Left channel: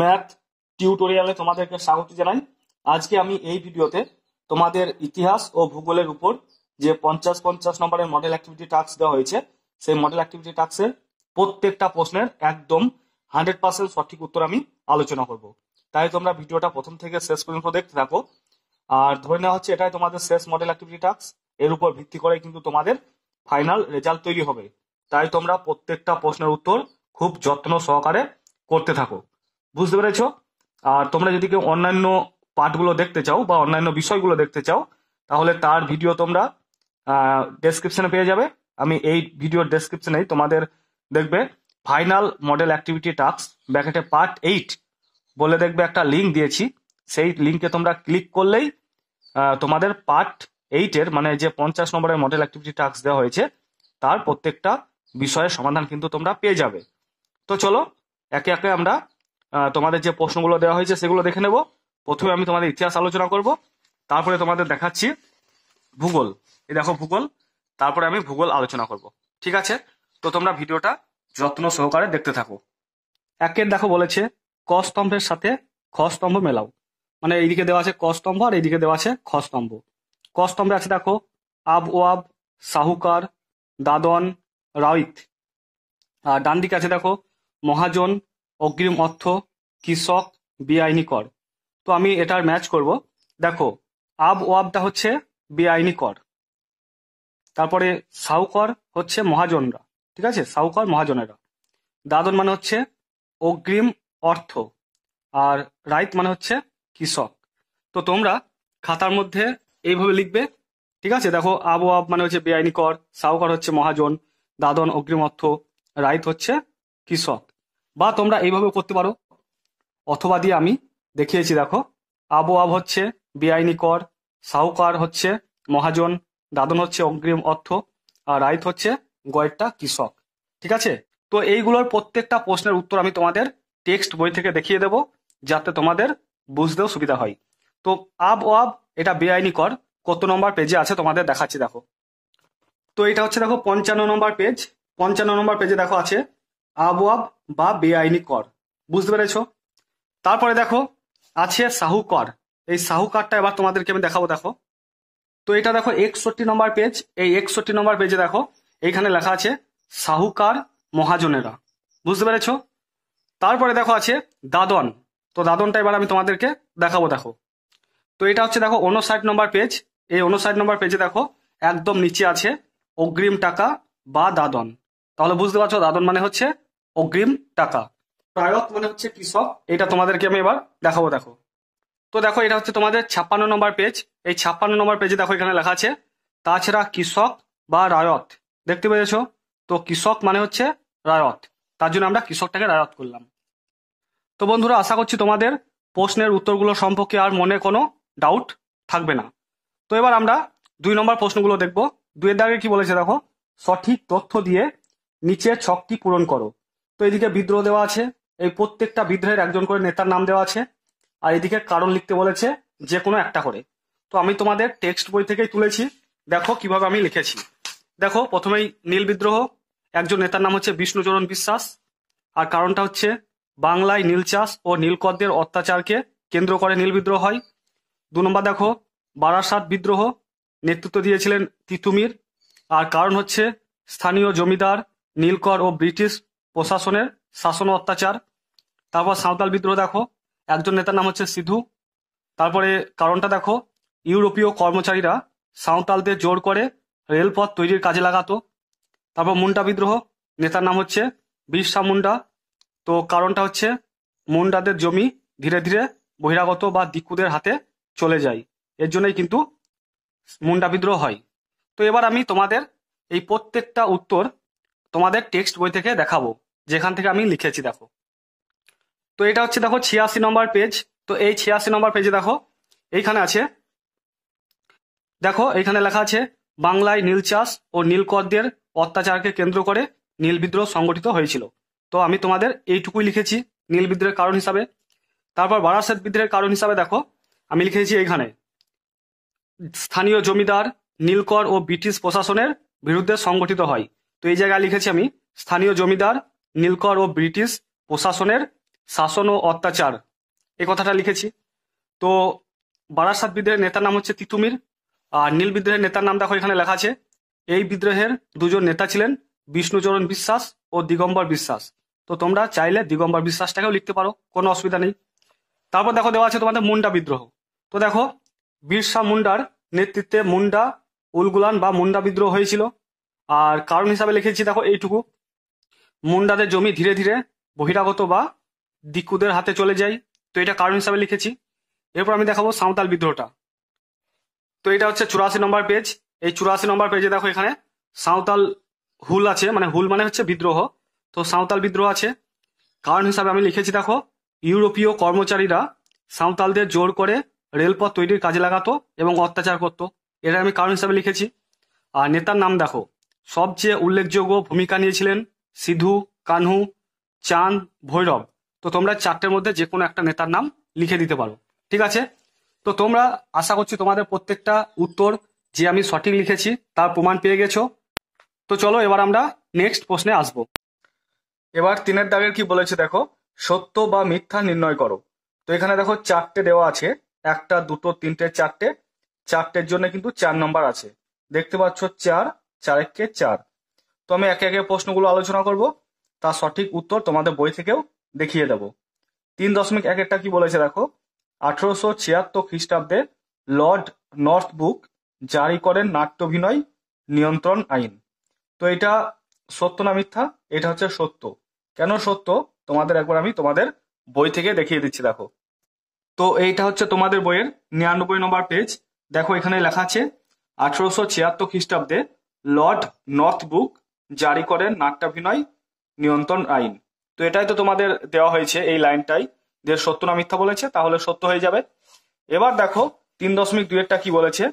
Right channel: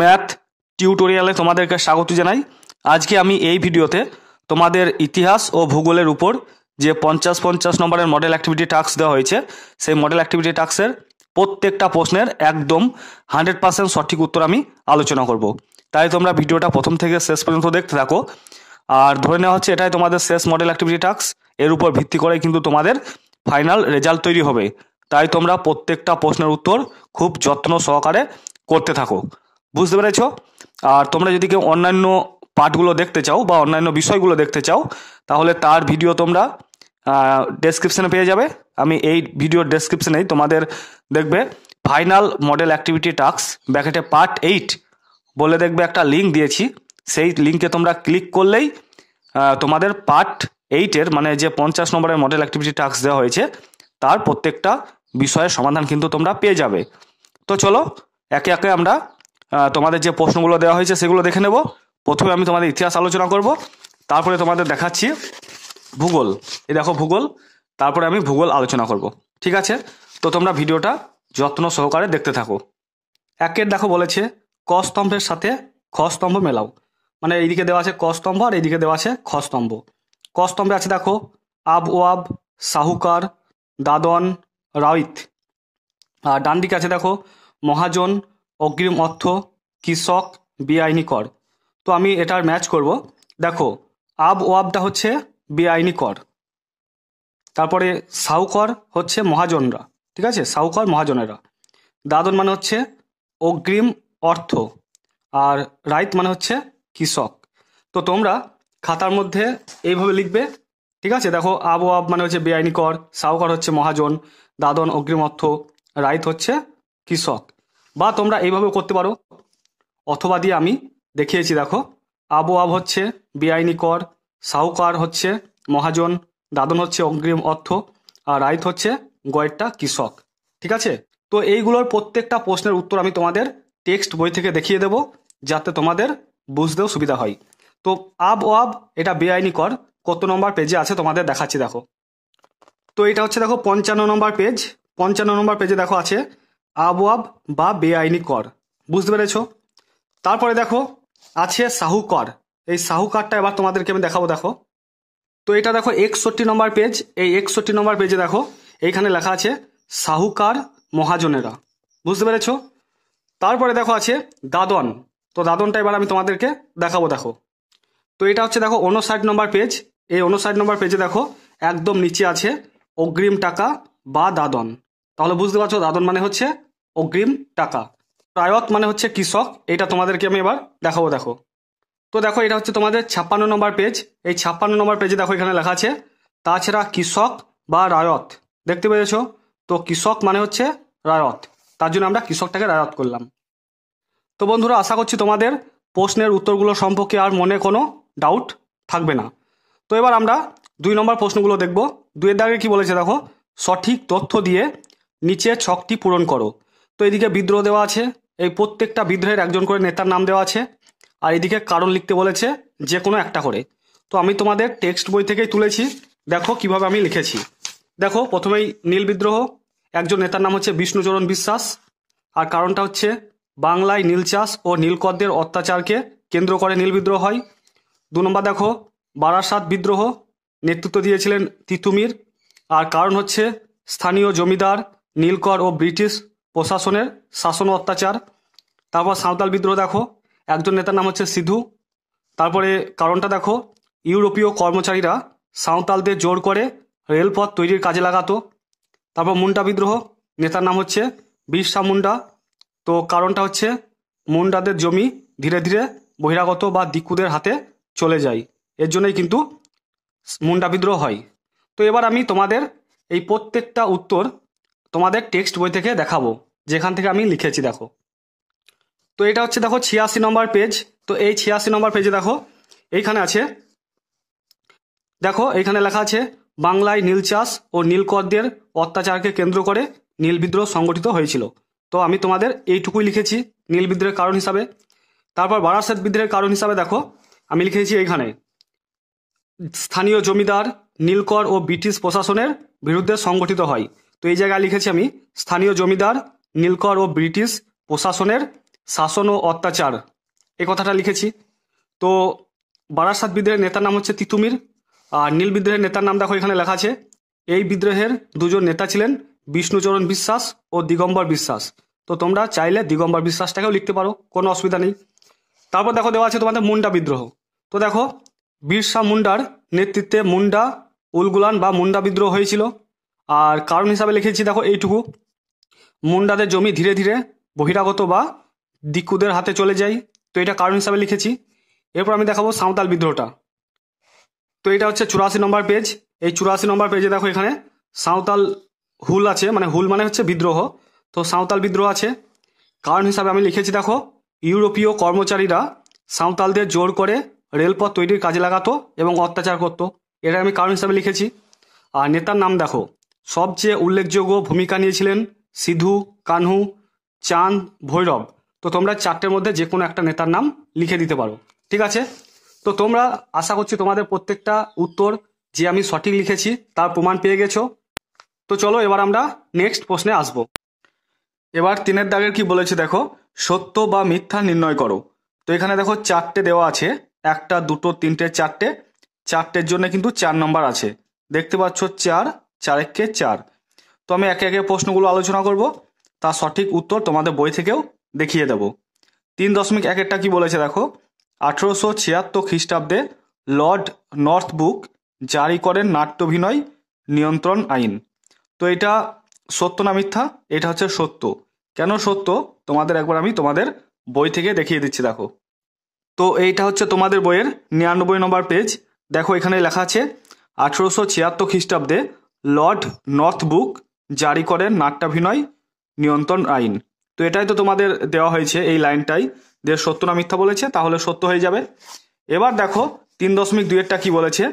Math টিউটোরিয়ালে তোমাদেরকে স্বাগত জানাই। আজকে আমি এই ভিডিওতে তোমাদের ইতিহাস ও ভূগোলের উপর যে 50-50 নম্বরের মডেল অ্যাক্টিভিটি টাস্ক দেওয়া হয়েছে, সেই মডেল অ্যাক্টিভিটি টাস্কের প্রত্যেকটা প্রশ্নের একদম 100% সঠিক উত্তর আমি আলোচনা করব। তাই তোমরা ভিডিওটা প্রথম থেকে শেষ পর্যন্ত দেখতে থাকো। আর ধরে নেওয়া হচ্ছে এটাই তোমাদের শেষ মডেল অ্যাক্টিভিটি টাস্ক, এর উপর ভিত্তি করে কিন্তু তোমাদের ফাইনাল রেজাল্ট তৈরি হবে। তাই তোমরা প্রত্যেকটা প্রশ্নের উত্তর খুব যত্ন সহকারে করতে থাকো, বুঝতে পেরেছো? আর তোমরা যদি কেউ অন্যান্য পার্টগুলো দেখতে চাও বা অন্যান্য বিষয়গুলো দেখতে চাও, তাহলে তার ভিডিও তোমরা ডেসক্রিপশনে পেয়ে যাবে। আমি এই ভিডিওর ডেসক্রিপশনেই তোমাদের দেখবে ফাইনাল মডেল অ্যাক্টিভিটি টাস্ক ব্র্যাকেটে পার্ট 8 বলে দেখবে একটা লিঙ্ক দিয়েছি। সেই লিঙ্কে তোমরা ক্লিক করলেই তোমাদের পার্ট 8-এর মানে যে 50 নম্বরের মডেল অ্যাক্টিভিটি টাস্ক দেওয়া হয়েছে তার প্রত্যেকটা বিষয়ের সমাধান কিন্তু তোমরা পেয়ে যাবে। তো চলো একে একে আমরা তোমাদের যে প্রশ্নগুলো দেওয়া হয়েছে সেগুলো দেখে নেব। প্রথমে আমি তোমাদের ইতিহাস আলোচনা করব, তারপরে তোমাদের দেখাচ্ছি ভূগোল। এই দেখো ভূগোল, তারপরে আমি ভূগোল আলোচনা করব। ঠিক আছে, তো তোমরা ভিডিওটা যত্ন সহকারে দেখতে থাকো। একের দেখো বলেছে ক স্তম্ভের সাথে খ স্তম্ভ মেলাও। মানে এইদিকে দেওয়া আছে ক স্তম্ভ আর এইদিকে দেওয়া আছে খ স্তম্ভ। ক স্তম্ভে আছে দেখো আব ওয়াব, সাহুকার, দাদন, রাইত। আর ডান দিকে আছে দেখো মহাজন, অগ্রিম অর্থ, কৃষক, বেআইনি কর। তো আমি এটার ম্যাচ করব। দেখো আব ওয়াবটা হচ্ছে বেআইনি কর, তারপরে সাহুকর হচ্ছে মহাজনরা, ঠিক আছে, সাহুকর মহাজনেরা। দাদন মানে হচ্ছে অগ্রিম অর্থ, আর রাইত মানে হচ্ছে কৃষক। তো তোমরা খাতার মধ্যে এইভাবে লিখবে, ঠিক আছে। দেখো আব ওয়াব মানে হচ্ছে বেআইনি কর, সাহুকর হচ্ছে মহাজন, দাদন অগ্রিম অর্থ, রাইত হচ্ছে কৃষক। বা তোমরা এইভাবেও করতে পারো, অথবা দিয়ে আমি দেখিয়েছি। দেখো আব ওয়াব হচ্ছে বেআইনি কর, সাহুকার হচ্ছে মহাজন, দাদন হচ্ছে অগ্রিম অর্থ, আর রাইত হচ্ছে গয়েরটা কৃষক। ঠিক আছে, তো এইগুলোর প্রত্যেকটা প্রশ্নের উত্তর আমি তোমাদের টেক্সট বই থেকে দেখিয়ে দেব, যাতে তোমাদের বুঝতেও সুবিধা হয়। তো আব ওয়াব এটা বেআইনি কর কত নম্বর পেজে আছে তোমাদের দেখাচ্ছি। দেখো, তো এটা হচ্ছে দেখো 55 নম্বর পেজ। 55 নম্বর পেজে দেখো আছে আব ওয়াব বা বেআইনি কর, বুঝতে পেরেছো? তারপরে দেখো আছে সাহুকর। এই সাহুকারটা এবার তোমাদেরকে আমি দেখাবো। দেখো, তো এটা দেখো 61 নম্বর পেজ। এই 61 নম্বর পেজে দেখো এইখানে লেখা আছে সাহুকার মহাজনেরা, বুঝতে পেরেছো? তারপরে দেখো আছে দাদন। তো দাদনটা এবার আমি তোমাদেরকে দেখাবো। দেখো, তো এটা হচ্ছে দেখো 59 নম্বর পেজ। এই 59 নম্বর পেজে দেখো একদম নিচে আছে অগ্রিম টাকা বা দাদন। তাহলে বুঝতে পারছো দাদন মানে হচ্ছে অগ্রিম টাকা, রায়ত মানে হচ্ছে কৃষক। এটা তোমাদেরকে আমি এবার দেখাবো। দেখো, তো দেখো এটা হচ্ছে তোমাদের 56 নম্বর পেজ। এই 56 নম্বর পেজে দেখো এখানে লেখা আছে তাছাড়া কৃষক বা রায়ত, দেখতে পেয়েছো? তো কৃষক মানে হচ্ছে রায়ত, তার জন্য আমরা কৃষকটাকে রায়ত করলাম। তো বন্ধুরা, আশা করছি তোমাদের প্রশ্নের উত্তরগুলো সম্পর্কে আর মনে কোনো ডাউট থাকবে না। তো এবার আমরা 2 নম্বর প্রশ্নগুলো দেখব। 2-এর দাগে কি বলেছে দেখো, সঠিক তথ্য দিয়ে নিচে ছকটি পূরণ করো। তো এদিকে বিদ্রোহ দেওয়া আছে, এই প্রত্যেকটা বিদ্রোহের একজন করে নেতার নাম দেওয়া আছে, আর এদিকে কারণ লিখতে বলেছে যে কোনো একটা করে। তো আমি তোমাদের টেক্সট বই থেকেই তুলেছি, দেখো কিভাবে আমি লিখেছি। দেখো প্রথমেই নীল বিদ্রোহ, একজন নেতার নাম হচ্ছে বিষ্ণুচরণ বিশ্বাস, আর কারণটা হচ্ছে বাংলায় নীল চাষ ও নীলকরদের অত্যাচারকে কেন্দ্র করে নীল বিদ্রোহ হয়। 2 নম্বর দেখো বারাসাত বিদ্রোহ, নেতৃত্ব দিয়েছিলেন তিতুমির, আর কারণ হচ্ছে স্থানীয় জমিদার, নীলকর ও ব্রিটিশ প্রশাসনের শাসন ও অত্যাচার। তারপর সাঁওতাল বিদ্রোহ, দেখো একজন নেতার নাম হচ্ছে সিধু, তারপরে কারণটা দেখো ইউরোপীয় কর্মচারীরা সাঁওতালদের জোর করে রেলপথ তৈরির কাজে লাগাতো। তারপর মুন্ডা বিদ্রোহ, নেতার নাম হচ্ছে বিরসা মুন্ডা, তো কারণটা হচ্ছে মুন্ডাদের জমি ধীরে ধীরে বহিরাগত বা দিকুদের হাতে চলে যায়, এর জন্যই কিন্তু মুন্ডা বিদ্রোহ হয়। তো এবার আমি তোমাদের এই প্রত্যেকটা উত্তর তোমাদের টেক্সট বই থেকে দেখাবো, যেখান থেকে আমি লিখেছি। দেখো, তো এটা হচ্ছে দেখো 86 নম্বর পেজ। তো এই 86 নম্বর পেজে দেখো এইখানে আছে, দেখো এইখানে লেখা আছে বাংলায় নীল চাষ ও নীলকরদের অত্যাচারকে কেন্দ্র করে নীল বিদ্রোহ সংগঠিত হয়েছিল। তো আমি তোমাদের এইটুকুই লিখেছি নীল বিদ্রোহের কারণ হিসাবে। তারপর বারাসাত বিদ্রোহের কারণ হিসাবে দেখো আমি লিখেছি এইখানে স্থানীয় জমিদার, নীলকর ও ব্রিটিশ প্রশাসনের বিরুদ্ধে সংগঠিত হয়। তো এই জায়গায় লিখেছি আমি স্থানীয় জমিদার, নীলকর ও ব্রিটিশ প্রশাসনের শাসন ও অত্যাচার, এই কথাটা লিখেছি। তো বারাসাত বিদ্রোহের নেতার নাম হচ্ছে তিতুমির। আর নীল বিদ্রোহের নেতার নাম দেখো এখানে লেখা আছে। এই বিদ্রোহের দুজন নেতা ছিলেন বিষ্ণুচরণ বিশ্বাস ও দিগম্বর বিশ্বাস। তো তোমরা চাইলে দিগম্বর বিশ্বাসটাকেও লিখতে পারো, কোনো অসুবিধা নেই। তারপর দেখো দেওয়া আছে তোমাদের মুন্ডা বিদ্রোহ। তো দেখো বিরসা মুন্ডার নেতৃত্বে মুন্ডা উলগুলান বা মুন্ডা বিদ্রোহ হয়েছিল। আর কারণ হিসাবে লিখেছি দেখো এইটুকু, মুন্ডাদের জমি ধীরে ধীরে বহিরাগত বা দিকুদের হাতে চলে যায়। তো এটা কারণ হিসাবে লিখেছি। এরপর আমি দেখাবো সাঁওতাল বিদ্রোহটা। তো এটা হচ্ছে 84 নম্বর পেজ। এই 84 নম্বর পেজে দেখো এখানে সাঁওতাল হুল আছে, মানে হুল মানে হচ্ছে বিদ্রোহ। তো সাঁওতাল বিদ্রোহ আছে। কারণ হিসাবে আমি লিখেছি দেখো, ইউরোপীয় কর্মচারীরা সাঁওতালদের জোর করে রেলপথ তৈরির কাজে লাগাতো এবং অত্যাচার করতো, এটা আমি কারণ হিসাবে লিখেছি। আর নেতার নাম দেখো, সবচেয়ে উল্লেখযোগ্য ভূমিকা নিয়েছিলেন সিধু, কানহু, চাঁদ, ভৈরব। তো তোমরা চারটের মধ্যে যে কোনো একটা নেতার নাম লিখে দিতে পারো, ঠিক আছে। তো তোমরা আশা করছি তোমাদের প্রত্যেকটা উত্তর যে আমি সঠিক লিখেছি তার প্রমাণ পেয়ে গেছো। তো চলো এবার আমরা নেক্সট প্রশ্নে আসবো। এবার 3-এর দাগের কি বলেছে দেখো, সত্য বা মিথ্যা নির্ণয় করো। তো এখানে দেখো চারটে দেওয়া আছে, 1, 2, 3, 4টে। চারটের জন্য কিন্তু 4 নম্বর আছে, দেখতে পাচ্ছ 4, 4 একে 4। তো আমি একে একে প্রশ্নগুলো আলোচনা করব, তার সঠিক উত্তর তোমাদের বই থেকেও দেখিয়ে দেব। 3.1-এরটা কি বলেছে দেখো, 1876 খ্রিস্টাব্দে লর্ড নর্থব্রুক জারি করেন নাট্যাভিনয় নিয়ন্ত্রণ আইন। তো এটা সত্য না মিথ্যা? এটা হচ্ছে সত্য। কেন সত্য তোমাদের একবার আমি তোমাদের বই থেকে দেখিয়ে দিচ্ছি দেখো। তো এইটা হচ্ছে তোমাদের বইয়ের 99 নম্বর পেজ। দেখো এখানে লেখা আছে 1876 খ্রিস্টাব্দে লর্ড নর্থব্রুক জারি করেন নাট্যাভিনয় নিয়ন্ত্রণ আইন। তো এটাই তো তোমাদের দেওয়া হয়েছে, এই লাইনটাই যে সত্য না মিথ্যা বলেছে, তাহলে সত্য হয়ে যাবে। এবার দেখো 3.2-এরটা কি বলেছে,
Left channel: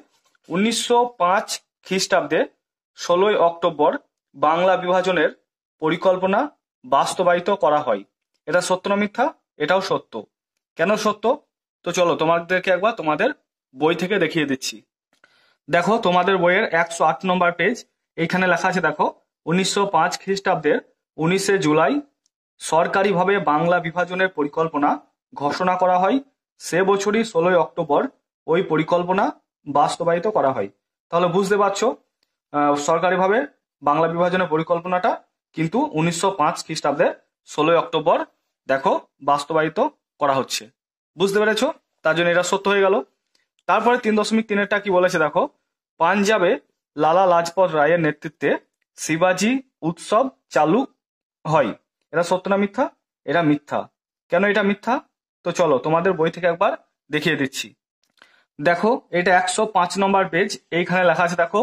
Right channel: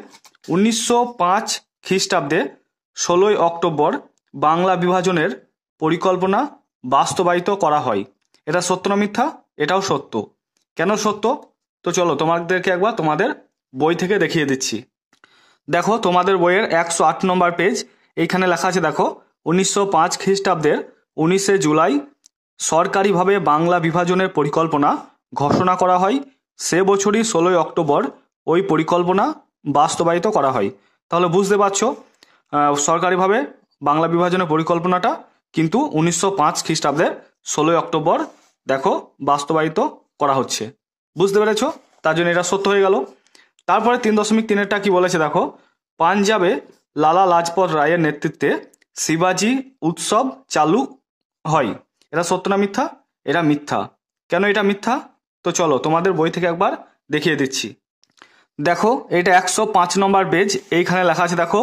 1905 খ্রিস্টাব্দে 16ই অক্টোবর বাংলা বিভাজনের পরিকল্পনা বাস্তবায়িত করা হয়। এটা সত্য না মিথ্যা? এটাও সত্য। কেন সত্য? তো চলো তোমাদেরকে একবার তোমাদের বই থেকে দেখিয়ে দিচ্ছি। দেখো তোমাদের বইয়ের 108 নম্বর পেজ, এইখানে লেখা আছে দেখো, 1905 খ্রিস্টাব্দের 19শে জুলাই সরকারিভাবে বাংলা বিভাজনের পরিকল্পনা ঘোষণা করা হয়। সে বছরই 16ই অক্টোবর ওই পরিকল্পনা বাস্তবায়িত করা হয়। তাহলে বুঝতে পারছো সরকারিভাবে বাংলা বিভাজনের পরিকল্পনাটা কিন্তু 1905 খ্রিস্টাব্দের 16ই অক্টোবর দেখো বাস্তবায়িত করা হচ্ছে। বুঝতে পেরেছো? তার জন্য এটা সত্য হয়ে গেল। তারপরে 3.3-এরটা কি বলেছে দেখো, পাঞ্জাবে লালা লাজপত রায়ের নেতৃত্বে শিবাজি উৎসব চালু হয়। এটা সত্য না মিথ্যা? এটা মিথ্যা। কেন এটা মিথ্যা? তো চলো তোমাদের বই থেকে একবার দেখিয়ে দিচ্ছি। দেখো এটা 105 নম্বর পেজ, এইখানে লেখা আছে দেখো,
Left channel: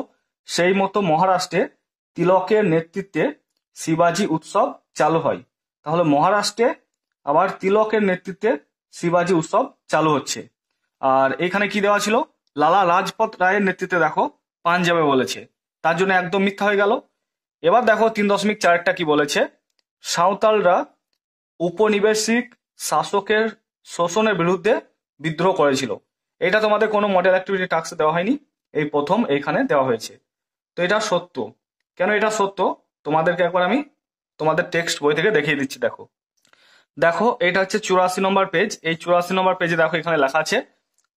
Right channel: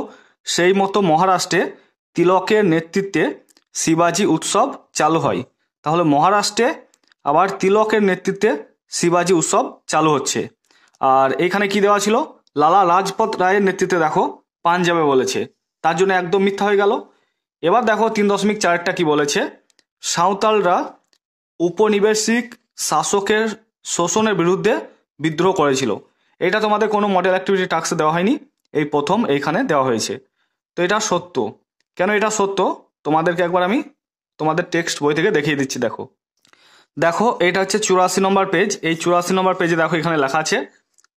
সেই মতো মহারাষ্ট্রে তিলকের নেতৃত্বে শিবাজি উৎসব চালু হয়। তাহলে মহারাষ্ট্রে আবার তিলকের নেতৃত্বে শিবাজি উৎসব চালু হচ্ছে। আর এইখানে কি দেওয়া ছিল, লালা লাজপত রায়ের নেতৃত্বে দেখো পাঞ্জাবে বলেছে, তার জন্য একদম মিথ্যা হয়ে গেল। এবার দেখো 3.4-টা কি বলেছে, সাঁওতালরা উপনিবেশিক শাসকের শোষণের বিরুদ্ধে বিদ্রোহ করেছিল। এটা তোমাদের কোনো মডেল অ্যাক্টিভিটি টাস্কে দেওয়া হয়নি, এই প্রথম এইখানে দেওয়া হয়েছে। তো এটা সত্য। কেন এটা সত্য তোমাদেরকে একবার আমি তোমাদের টেক্সট বই থেকে দেখিয়ে দিচ্ছি। দেখো দেখো এটা হচ্ছে 84 নম্বর পেজ। এই 84 নম্বর পেজে দেখো এখানে লেখা আছে,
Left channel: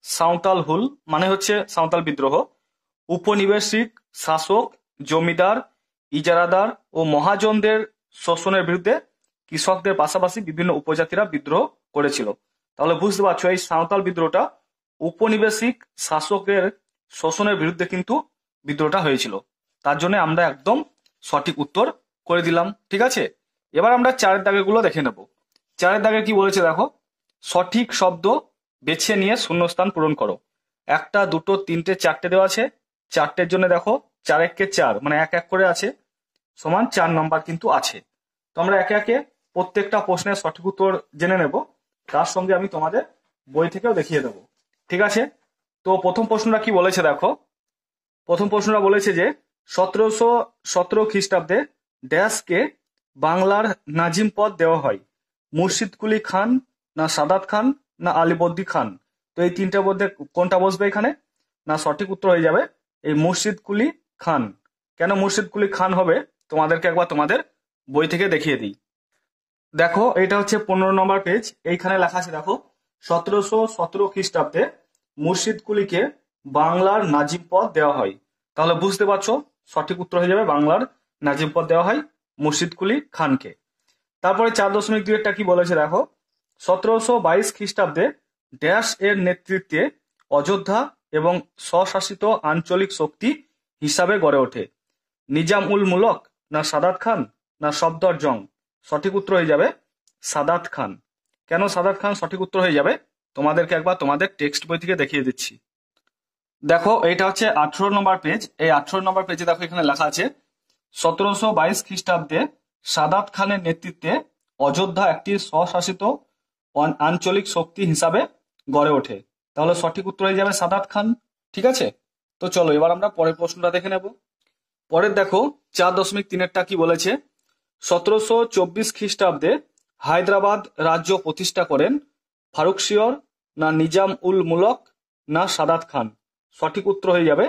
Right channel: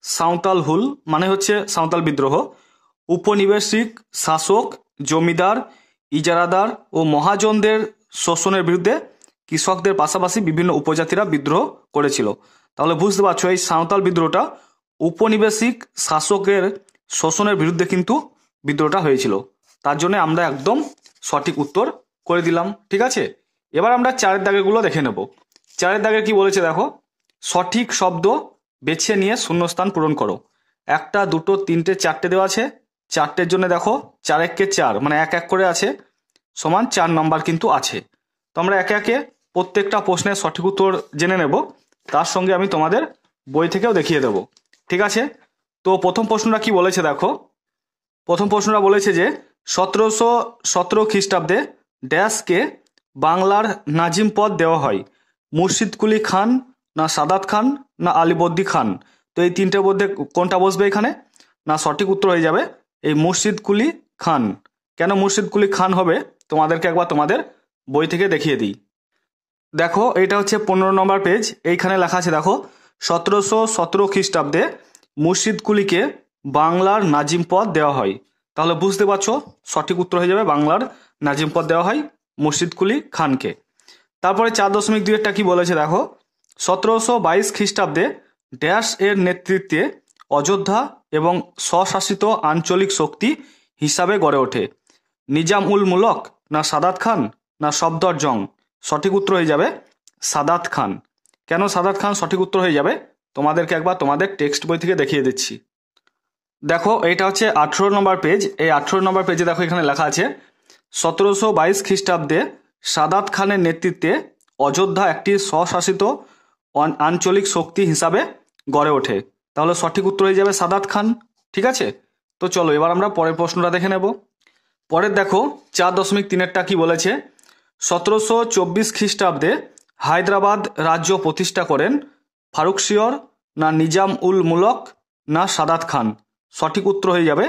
সাঁওতাল হুল মানে হচ্ছে সাঁওতাল বিদ্রোহ। উপনিবেশিক শাসক, জমিদার, ইজারাদার ও মহাজনদের শোষণের বিরুদ্ধে কৃষকদের পাশাপাশি বিভিন্ন উপজাতিরা বিদ্রোহ করেছিল। তাহলে বুঝতে পারছো এই সাঁওতাল বিদ্রোহটা উপনিবেশিক শাসকের শোষণের বিরুদ্ধে কিন্তু বিদ্রোহটা হয়েছিল। তার জন্য আমরা একদম সঠিক উত্তর করে দিলাম, ঠিক আছে। এবার আমরা 4-এর দাগেরগুলো দেখে নেব। 4-এর দাগে কি বলেছে দেখো, সঠিক শব্দ বেছে নিয়ে শূন্যস্থান পূরণ করো। 1, 2, 3, 4টে দেওয়া আছে। চারটের জন্য দেখো 4 একে 4 মানে 1 1 করে আছে, সমান 4 নম্বর কিন্তু আছে। তো আমরা একে একে প্রত্যেকটা প্রশ্নের সঠিক উত্তর জেনে নেব, তার সঙ্গে আমি তোমাদের বই থেকেও দেখিয়ে দেব, ঠিক আছে। তো প্রথম প্রশ্নটা কি বলেছে দেখো, প্রথম প্রশ্নটা বলেছে যে 1717 খ্রিস্টাব্দে ড্যাশকে বাংলার নাজিম পদ দেওয়া হয়। মুর্শিদ কুলি খান, না সাদাত খান, না আলিবর্দী খান। তো এই তিনটের মধ্যে কোনটা বসবে এখানে? না সঠিক উত্তর হয়ে যাবে এই মুর্শিদ কুলি খান। কেন মুর্শিদ কুলি খান হবে তোমাদেরকে একবার তোমাদের বই থেকে দেখিয়ে দিই। দেখো এইটা হচ্ছে 15 নম্বর পেজ। এইখানে লেখা আছে দেখো, 1717 খ্রিস্টাব্দে মুর্শিদ কুলিকে বাংলার নাজিম পদ দেওয়া হয়। তাহলে বুঝতে পারছো সঠিক উত্তর হয়ে যাবে বাংলার নাজিম পদ দেওয়া হয় মুর্শিদ কুলি খানকে। তারপরে 4.2 কি বলেছে দেখো, 1722 খ্রিস্টাব্দে ড্যাশ এর নেতৃত্বে অযোধ্যা এবং স্বশাসিত আঞ্চলিক শক্তি হিসাবে গড়ে ওঠে। নিজাম উল মুলক না সাদাত খান না সফদরজং? সঠিক উত্তর হয়ে যাবে সাদাত খান। কেন সাদাত খান সঠিক উত্তর হয়ে যাবে তোমাদেরকে একবার তোমাদের টেক্সট বই থেকে দেখিয়ে দিচ্ছি। দেখো এইটা হচ্ছে 18 নম্বর পেজ। এই 18 নম্বর পেজে দেখো এখানে লেখা আছে 1722 খ্রিস্টাব্দে সাদাত খানের নেতৃত্বে অযোধ্যা একটি স্বশাসিত আঞ্চলিক শক্তি হিসাবে গড়ে ওঠে। তাহলে সঠিক উত্তর হয়ে যাবে সাদাত খান। ঠিক আছে, তো চলো এবার আমরা পরের প্রশ্নটা দেখে নেব। পরের দেখো 4.3 কি বলেছে, 1724 খ্রিস্টাব্দে হায়দ্রাবাদ রাজ্য প্রতিষ্ঠা করেন ফারুকশিয়র না নিজাম উল মুলক না সাদাত খান? সঠিক উত্তর হয়ে যাবে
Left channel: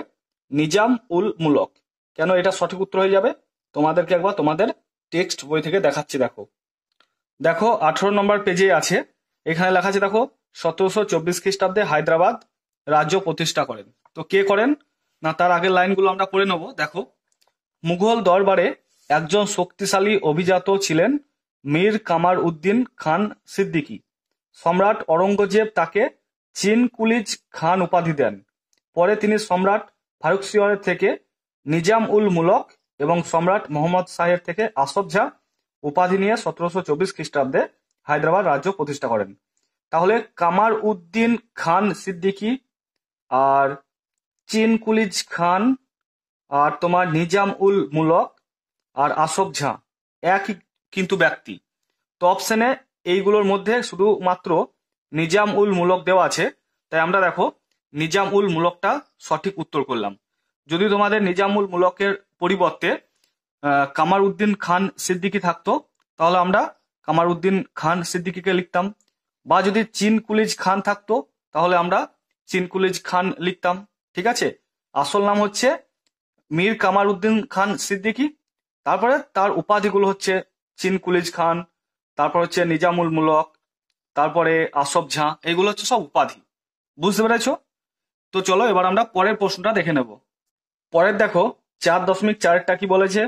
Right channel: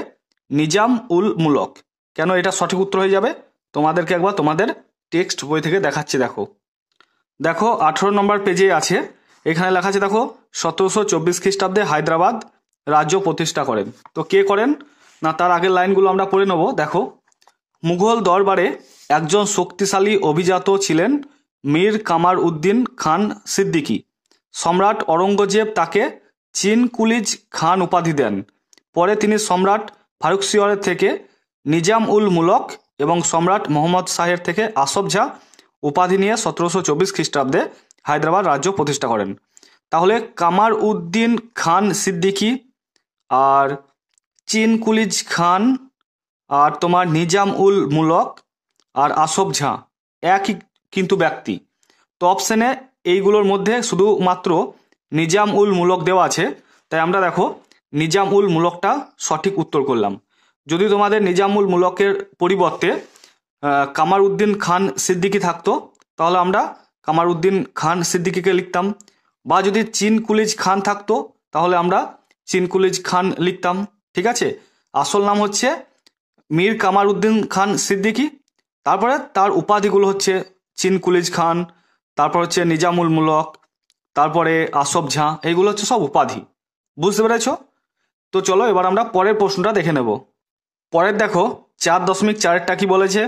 নিজাম উল মুলক। কেন এটা সঠিক উত্তর হয়ে যাবে তোমাদেরকে একবার তোমাদের টেক্সট বই থেকে দেখাচ্ছি। দেখো দেখো 18 নম্বর পেজে আছে, এখানে লেখা আছে দেখো 1724 খ্রিস্টাব্দে হায়দ্রাবাদ রাজ্য প্রতিষ্ঠা করেন। তো কে করেন না, তার আগের লাইনগুলো আমরা পড়ে নেব। দেখো, মুঘল দরবারে একজন শক্তিশালী অভিজাত ছিলেন মীর কামার উদ্দিন খান সিদ্দিকী। সম্রাট অরঙ্গজেব তাকে চিন কুলিজ খান উপাধি দেন। পরে তিনি সম্রাট ফারুকশিয়রের থেকে নিজাম উল মুলক এবং সম্রাট মোহাম্মদ শাহের থেকে আসফ জাহ উপাধি নিয়ে 1724 খ্রিস্টাব্দে হায়দ্রাবাদ রাজ্য প্রতিষ্ঠা করেন। তাহলে কামার উদ্দিন খান সিদ্দিকী আর চিন কুলিজ খান আর তোমার নিজাম উল মুলক আর আসফ জাহ একই কিন্তু ব্যক্তি। তো অপশনে এইগুলোর মধ্যে শুধুমাত্র নিজাম উল মুলক দেওয়া আছে, তাই আমরা দেখো নিজাম উল মুলকটা সঠিক উত্তর করলাম। যদি তোমাদের নিজাম উল মুলকের পরিবর্তে কামার উদ্দিন খান সিদ্দিকী থাকতো তাহলে আমরা কামার উদ্দিন খান সিদ্দিকীকে লিখতাম, বা যদি চিন কুলিজ খান থাকতো তাহলে আমরা চিন কুলিজ খান লিখতাম। ঠিক আছে, আসল নাম হচ্ছে মীর কামার উদ্দিন খান সিদ্দিকী, তারপরে তার উপাধিগুলো হচ্ছে চিন কুলিজ খান, তারপর হচ্ছে নিজামুল মুলক, তারপরে আসফ জাহ, এইগুলো হচ্ছে সব উপাধি। বুঝতে পেরেছ? তো চলো এবার আমরা পরের প্রশ্নটা দেখে নেব। পরের দেখো 4.4 কি বলেছে,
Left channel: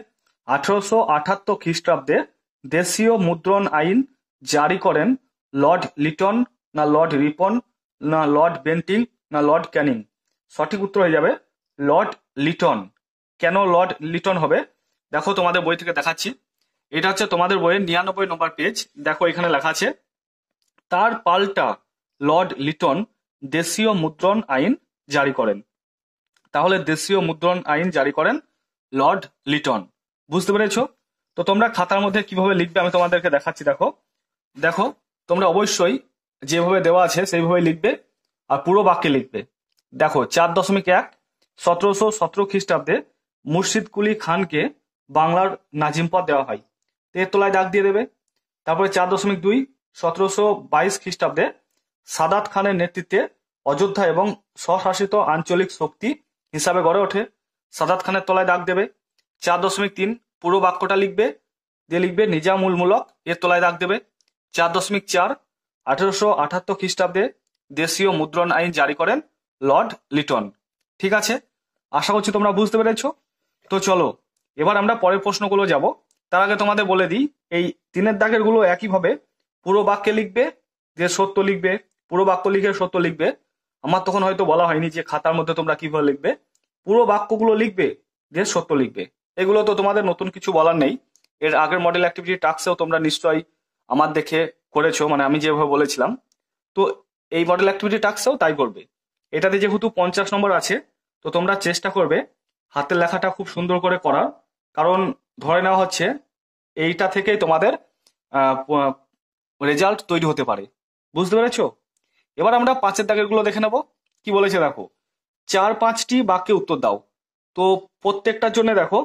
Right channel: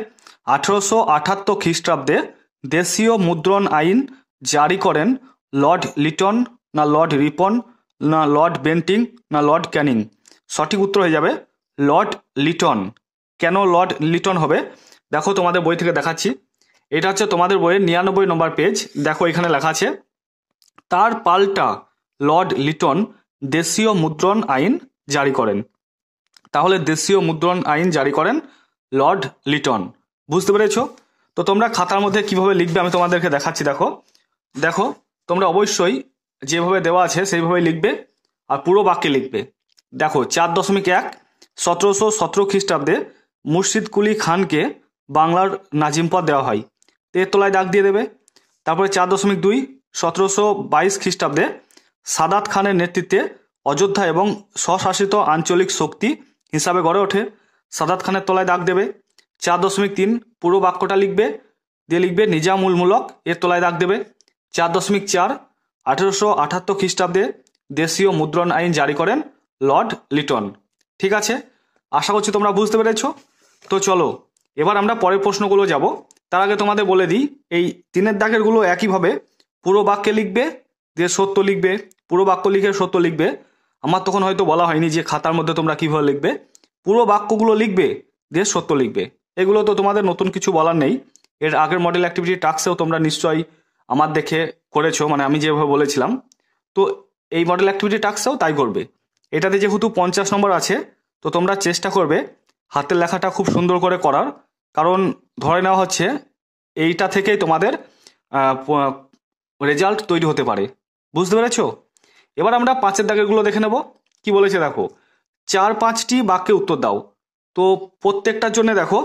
1878 খ্রিস্টাব্দে দেশীয় মুদ্রণ আইন জারি করেন লর্ড লিটন না লর্ড রিপন না লর্ড বেন্টিং না লর্ড ক্যানিং? সঠিক উত্তর হয়ে যাবে লর্ড লিটন। কেন লর্ড লিটন হবে দেখো তোমাদের বই থেকে দেখাচ্ছি। এটা হচ্ছে তোমাদের বইয়ের 99 নম্বর পেজ। দেখো এখানে লেখা আছে, তার পাল্টা লর্ড লিটন দেশীয় মুদ্রণ আইন জারি করেন। তাহলে দেশীয় মুদ্রণ আইন জারি করেন লর্ড লিটন। বুঝতে পেরেছ? তো তোমরা খাতার মধ্যে কিভাবে লিখবে আমি তোমাদেরকে দেখাচ্ছি। দেখো দেখো তোমরা অবশ্যই যেভাবে দেওয়া আছে সেইভাবে লিখবে আর পুরো বাক্যে লিখবে। দেখো 4.1 1717 খ্রিস্টাব্দে মুর্শিদ কুলি খানকে বাংলার নাজিম পদ দেওয়া হয়, এর তলায় দাগ দিয়ে দেবে। তারপরে 4.2 1722 খ্রিস্টাব্দে সাদাত খানের নেতৃত্বে অযোধ্যা এবং স্বশাসিত আঞ্চলিক শক্তি হিসাবে গড়ে ওঠে, সাদাত খানের তলায় দাগ দেবে। 4.3 পুরো বাক্যটা লিখবে, দিয়ে লিখবে নিজাম উল মুলক, এর তলায় দাগ দেবে। 4.4 1878 খ্রিস্টাব্দে দেশীয় মুদ্রণ আইন জারি করেন লর্ড লিটন। ঠিক আছে, আশা করছি তোমরা বুঝতে পেরেছ। তো চলো এবার আমরা পরের প্রশ্নগুলো যাব। তার আগে তোমাদের বলে দিই, এই 3 দাগের গুলো একইভাবে পুরো বাক্যে লিখবে, দিয়ে সত্য লিখবে, পুরো বাক্য লিখে সত্য লিখবে। আমার তখন হয়তো বলা হয়নি যে খাতার মধ্যে তোমরা কিভাবে লিখবে, পুরো বাক্যগুলো লিখবে দিয়ে সত্য লিখবে। এগুলো তো তোমাদের নতুন কিছু বলার নেই, এর আগের মডেল অ্যাক্টিভিটি টাস্কেও তোমরা নিশ্চয়ই আমার দেখে করেছো, মানে আমি যেভাবে বলেছিলাম। তো এই মডেল অ্যাক্টিভিটি টাস্কেও তাই করবে। এটাতে যেহেতু 50 নম্বর আছে, তো তোমরা চেষ্টা করবে হাতের লেখাটা খুব সুন্দর করে করার, কারণ ধরে নেওয়া হচ্ছে এইটা থেকেই তোমাদের রেজাল্ট তৈরি হতে পারে। বুঝতে পেরেছো? এবার আমরা 5 দাগের গুলো দেখে নেব। কি বলেছে দেখো, 4-5টি বাক্যে উত্তর দাও। তো প্রত্যেকটার জন্য দেখো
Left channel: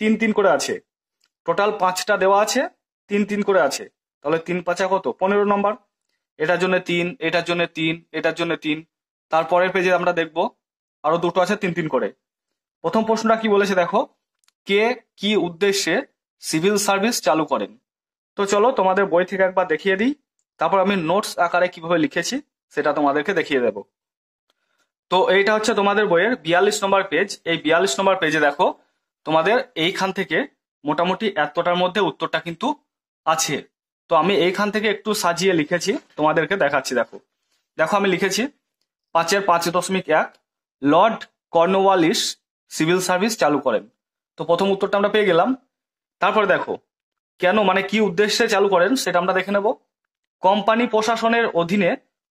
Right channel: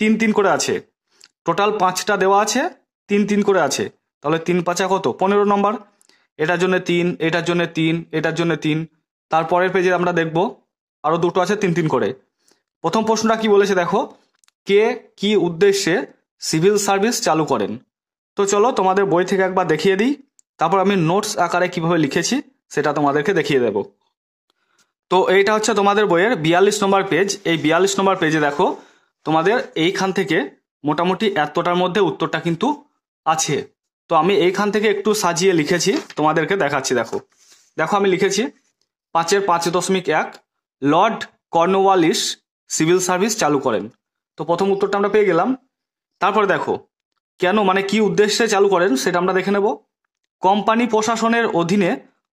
3-3 করে আছে, টোটাল 5টা দেওয়া আছে, 3-3 করে আছে। তাহলে 3-5 কত, 15 নম্বর। এটার জন্য 3, এটার জন্য 3, এটার জন্য 3। তারপরের পেজে আমরা দেখব আরো 2টো আছে 3-3 করে। প্রথম প্রশ্নটা কি বলেছে দেখো, কে কি উদ্দেশ্যে সিভিল সার্ভিস চালু করেন? তো তো চলো তোমাদের বই থেকে একবার দেখিয়ে দিই, তারপর আমি নোটস আকারে কিভাবে লিখেছি সেটা তোমাদেরকে দেখিয়ে দেব। তো এইটা হচ্ছে তোমাদের বইয়ের 42 নম্বর পেজ। এই 42 নম্বর পেজে দেখো তোমাদের এইখান থেকে মোটামুটি এতটার মধ্যে উত্তরটা কিন্তু আছে। তো আমি এইখান থেকে একটু সাজিয়ে লিখেছি, তোমাদেরকে দেখাচ্ছি। দেখো দেখো আমি লিখেছি 5.5.1 লর্ড কর্নওয়ালিস সিভিল সার্ভিস চালু করেন। তো প্রথম উত্তরটা আমরা পেয়ে গেলাম। তারপরে দেখো কেন, মানে কি উদ্দেশ্যে চালু করেন সেটা আমরা দেখে নেব। কোম্পানি প্রশাসনের অধীনে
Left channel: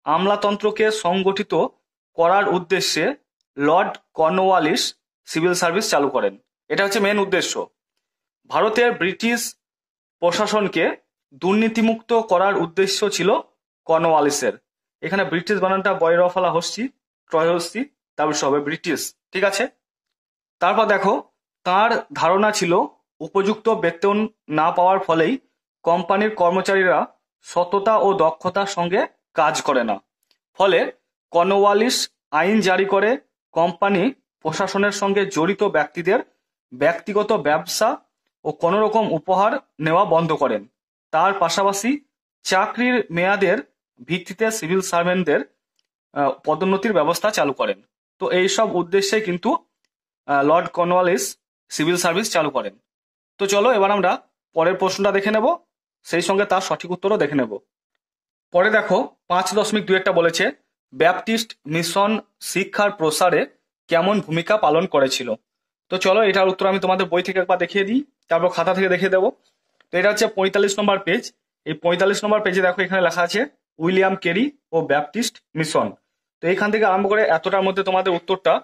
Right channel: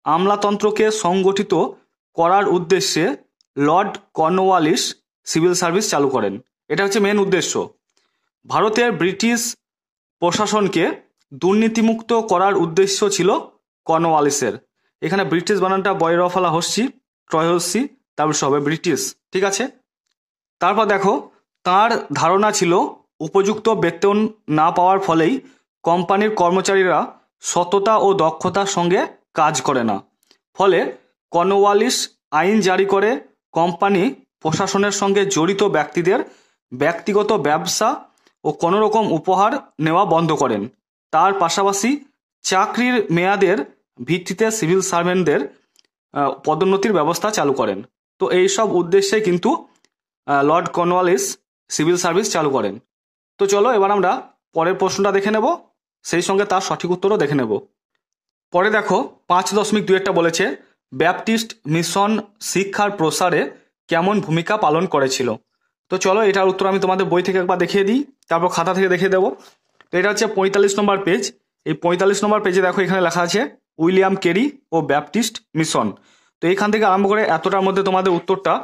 আমলাতন্ত্রকে সংগঠিত করার উদ্দেশ্যে লর্ড কর্নওয়ালিস সিভিল সার্ভিস চালু করেন। এটা হচ্ছে মেন উদ্দেশ্য। ভারতের ব্রিটিশ প্রশাসনকে দুর্নীতিমুক্ত করার উদ্দেশ্য ছিল কর্নওয়ালিসের। এখানে ব্রিটিশ বানানটা বয়রফলা হস্যি ট্রয় হস্যি, তারপর হবে ব্রিটিশ, ঠিক আছে। তারপর দেখো তার ধারণা ছিল উপযুক্ত বেতন না পাওয়ার ফলেই কোম্পানির কর্মচারীরা সততা ও দক্ষতার সঙ্গে কাজ করে না। ফলে কর্নওয়ালিস আইন জারি করে কোম্পানি প্রশাসনের সঙ্গে জড়িত ব্যক্তিদের ব্যক্তিগত ব্যবসা ও কোনো রকম উপহার নেওয়া বন্ধ করেন। তার পাশাপাশি চাকরির মেয়াদের ভিত্তিতে সিভিল সার্ভেন্টদের পদোন্নতির ব্যবস্থা চালু করেন। তো এই সব উদ্দেশ্যে কিন্তু লর্ড কর্নওয়ালিস সিভিল সার্ভিস চালু করেন। তো চলো এবার আমরা পরের প্রশ্নটা দেখে নেব, সেই সঙ্গে তার সঠিক উত্তরও দেখে নেব। পরে দেখো 5.2 বলেছে ব্যাপটিস্ট মিশন শিক্ষার প্রসারে কেমন ভূমিকা পালন করেছিল। তো চলো এটার উত্তর আমি তোমাদের বই থেকে একবার দেখিয়ে দিই, তারপর খাতা থেকে দেখিয়ে দেবো। তো এটা হচ্ছে 45 নম্বর পেজ। এই 45 নম্বর পেজে দেখো এখানে লেখা আছে উইলিয়াম কেরি ও ব্যাপটিস্ট মিশন। তো এইখান থেকে আরম্ভ করে এতটার মধ্যে তোমাদের উত্তরটা,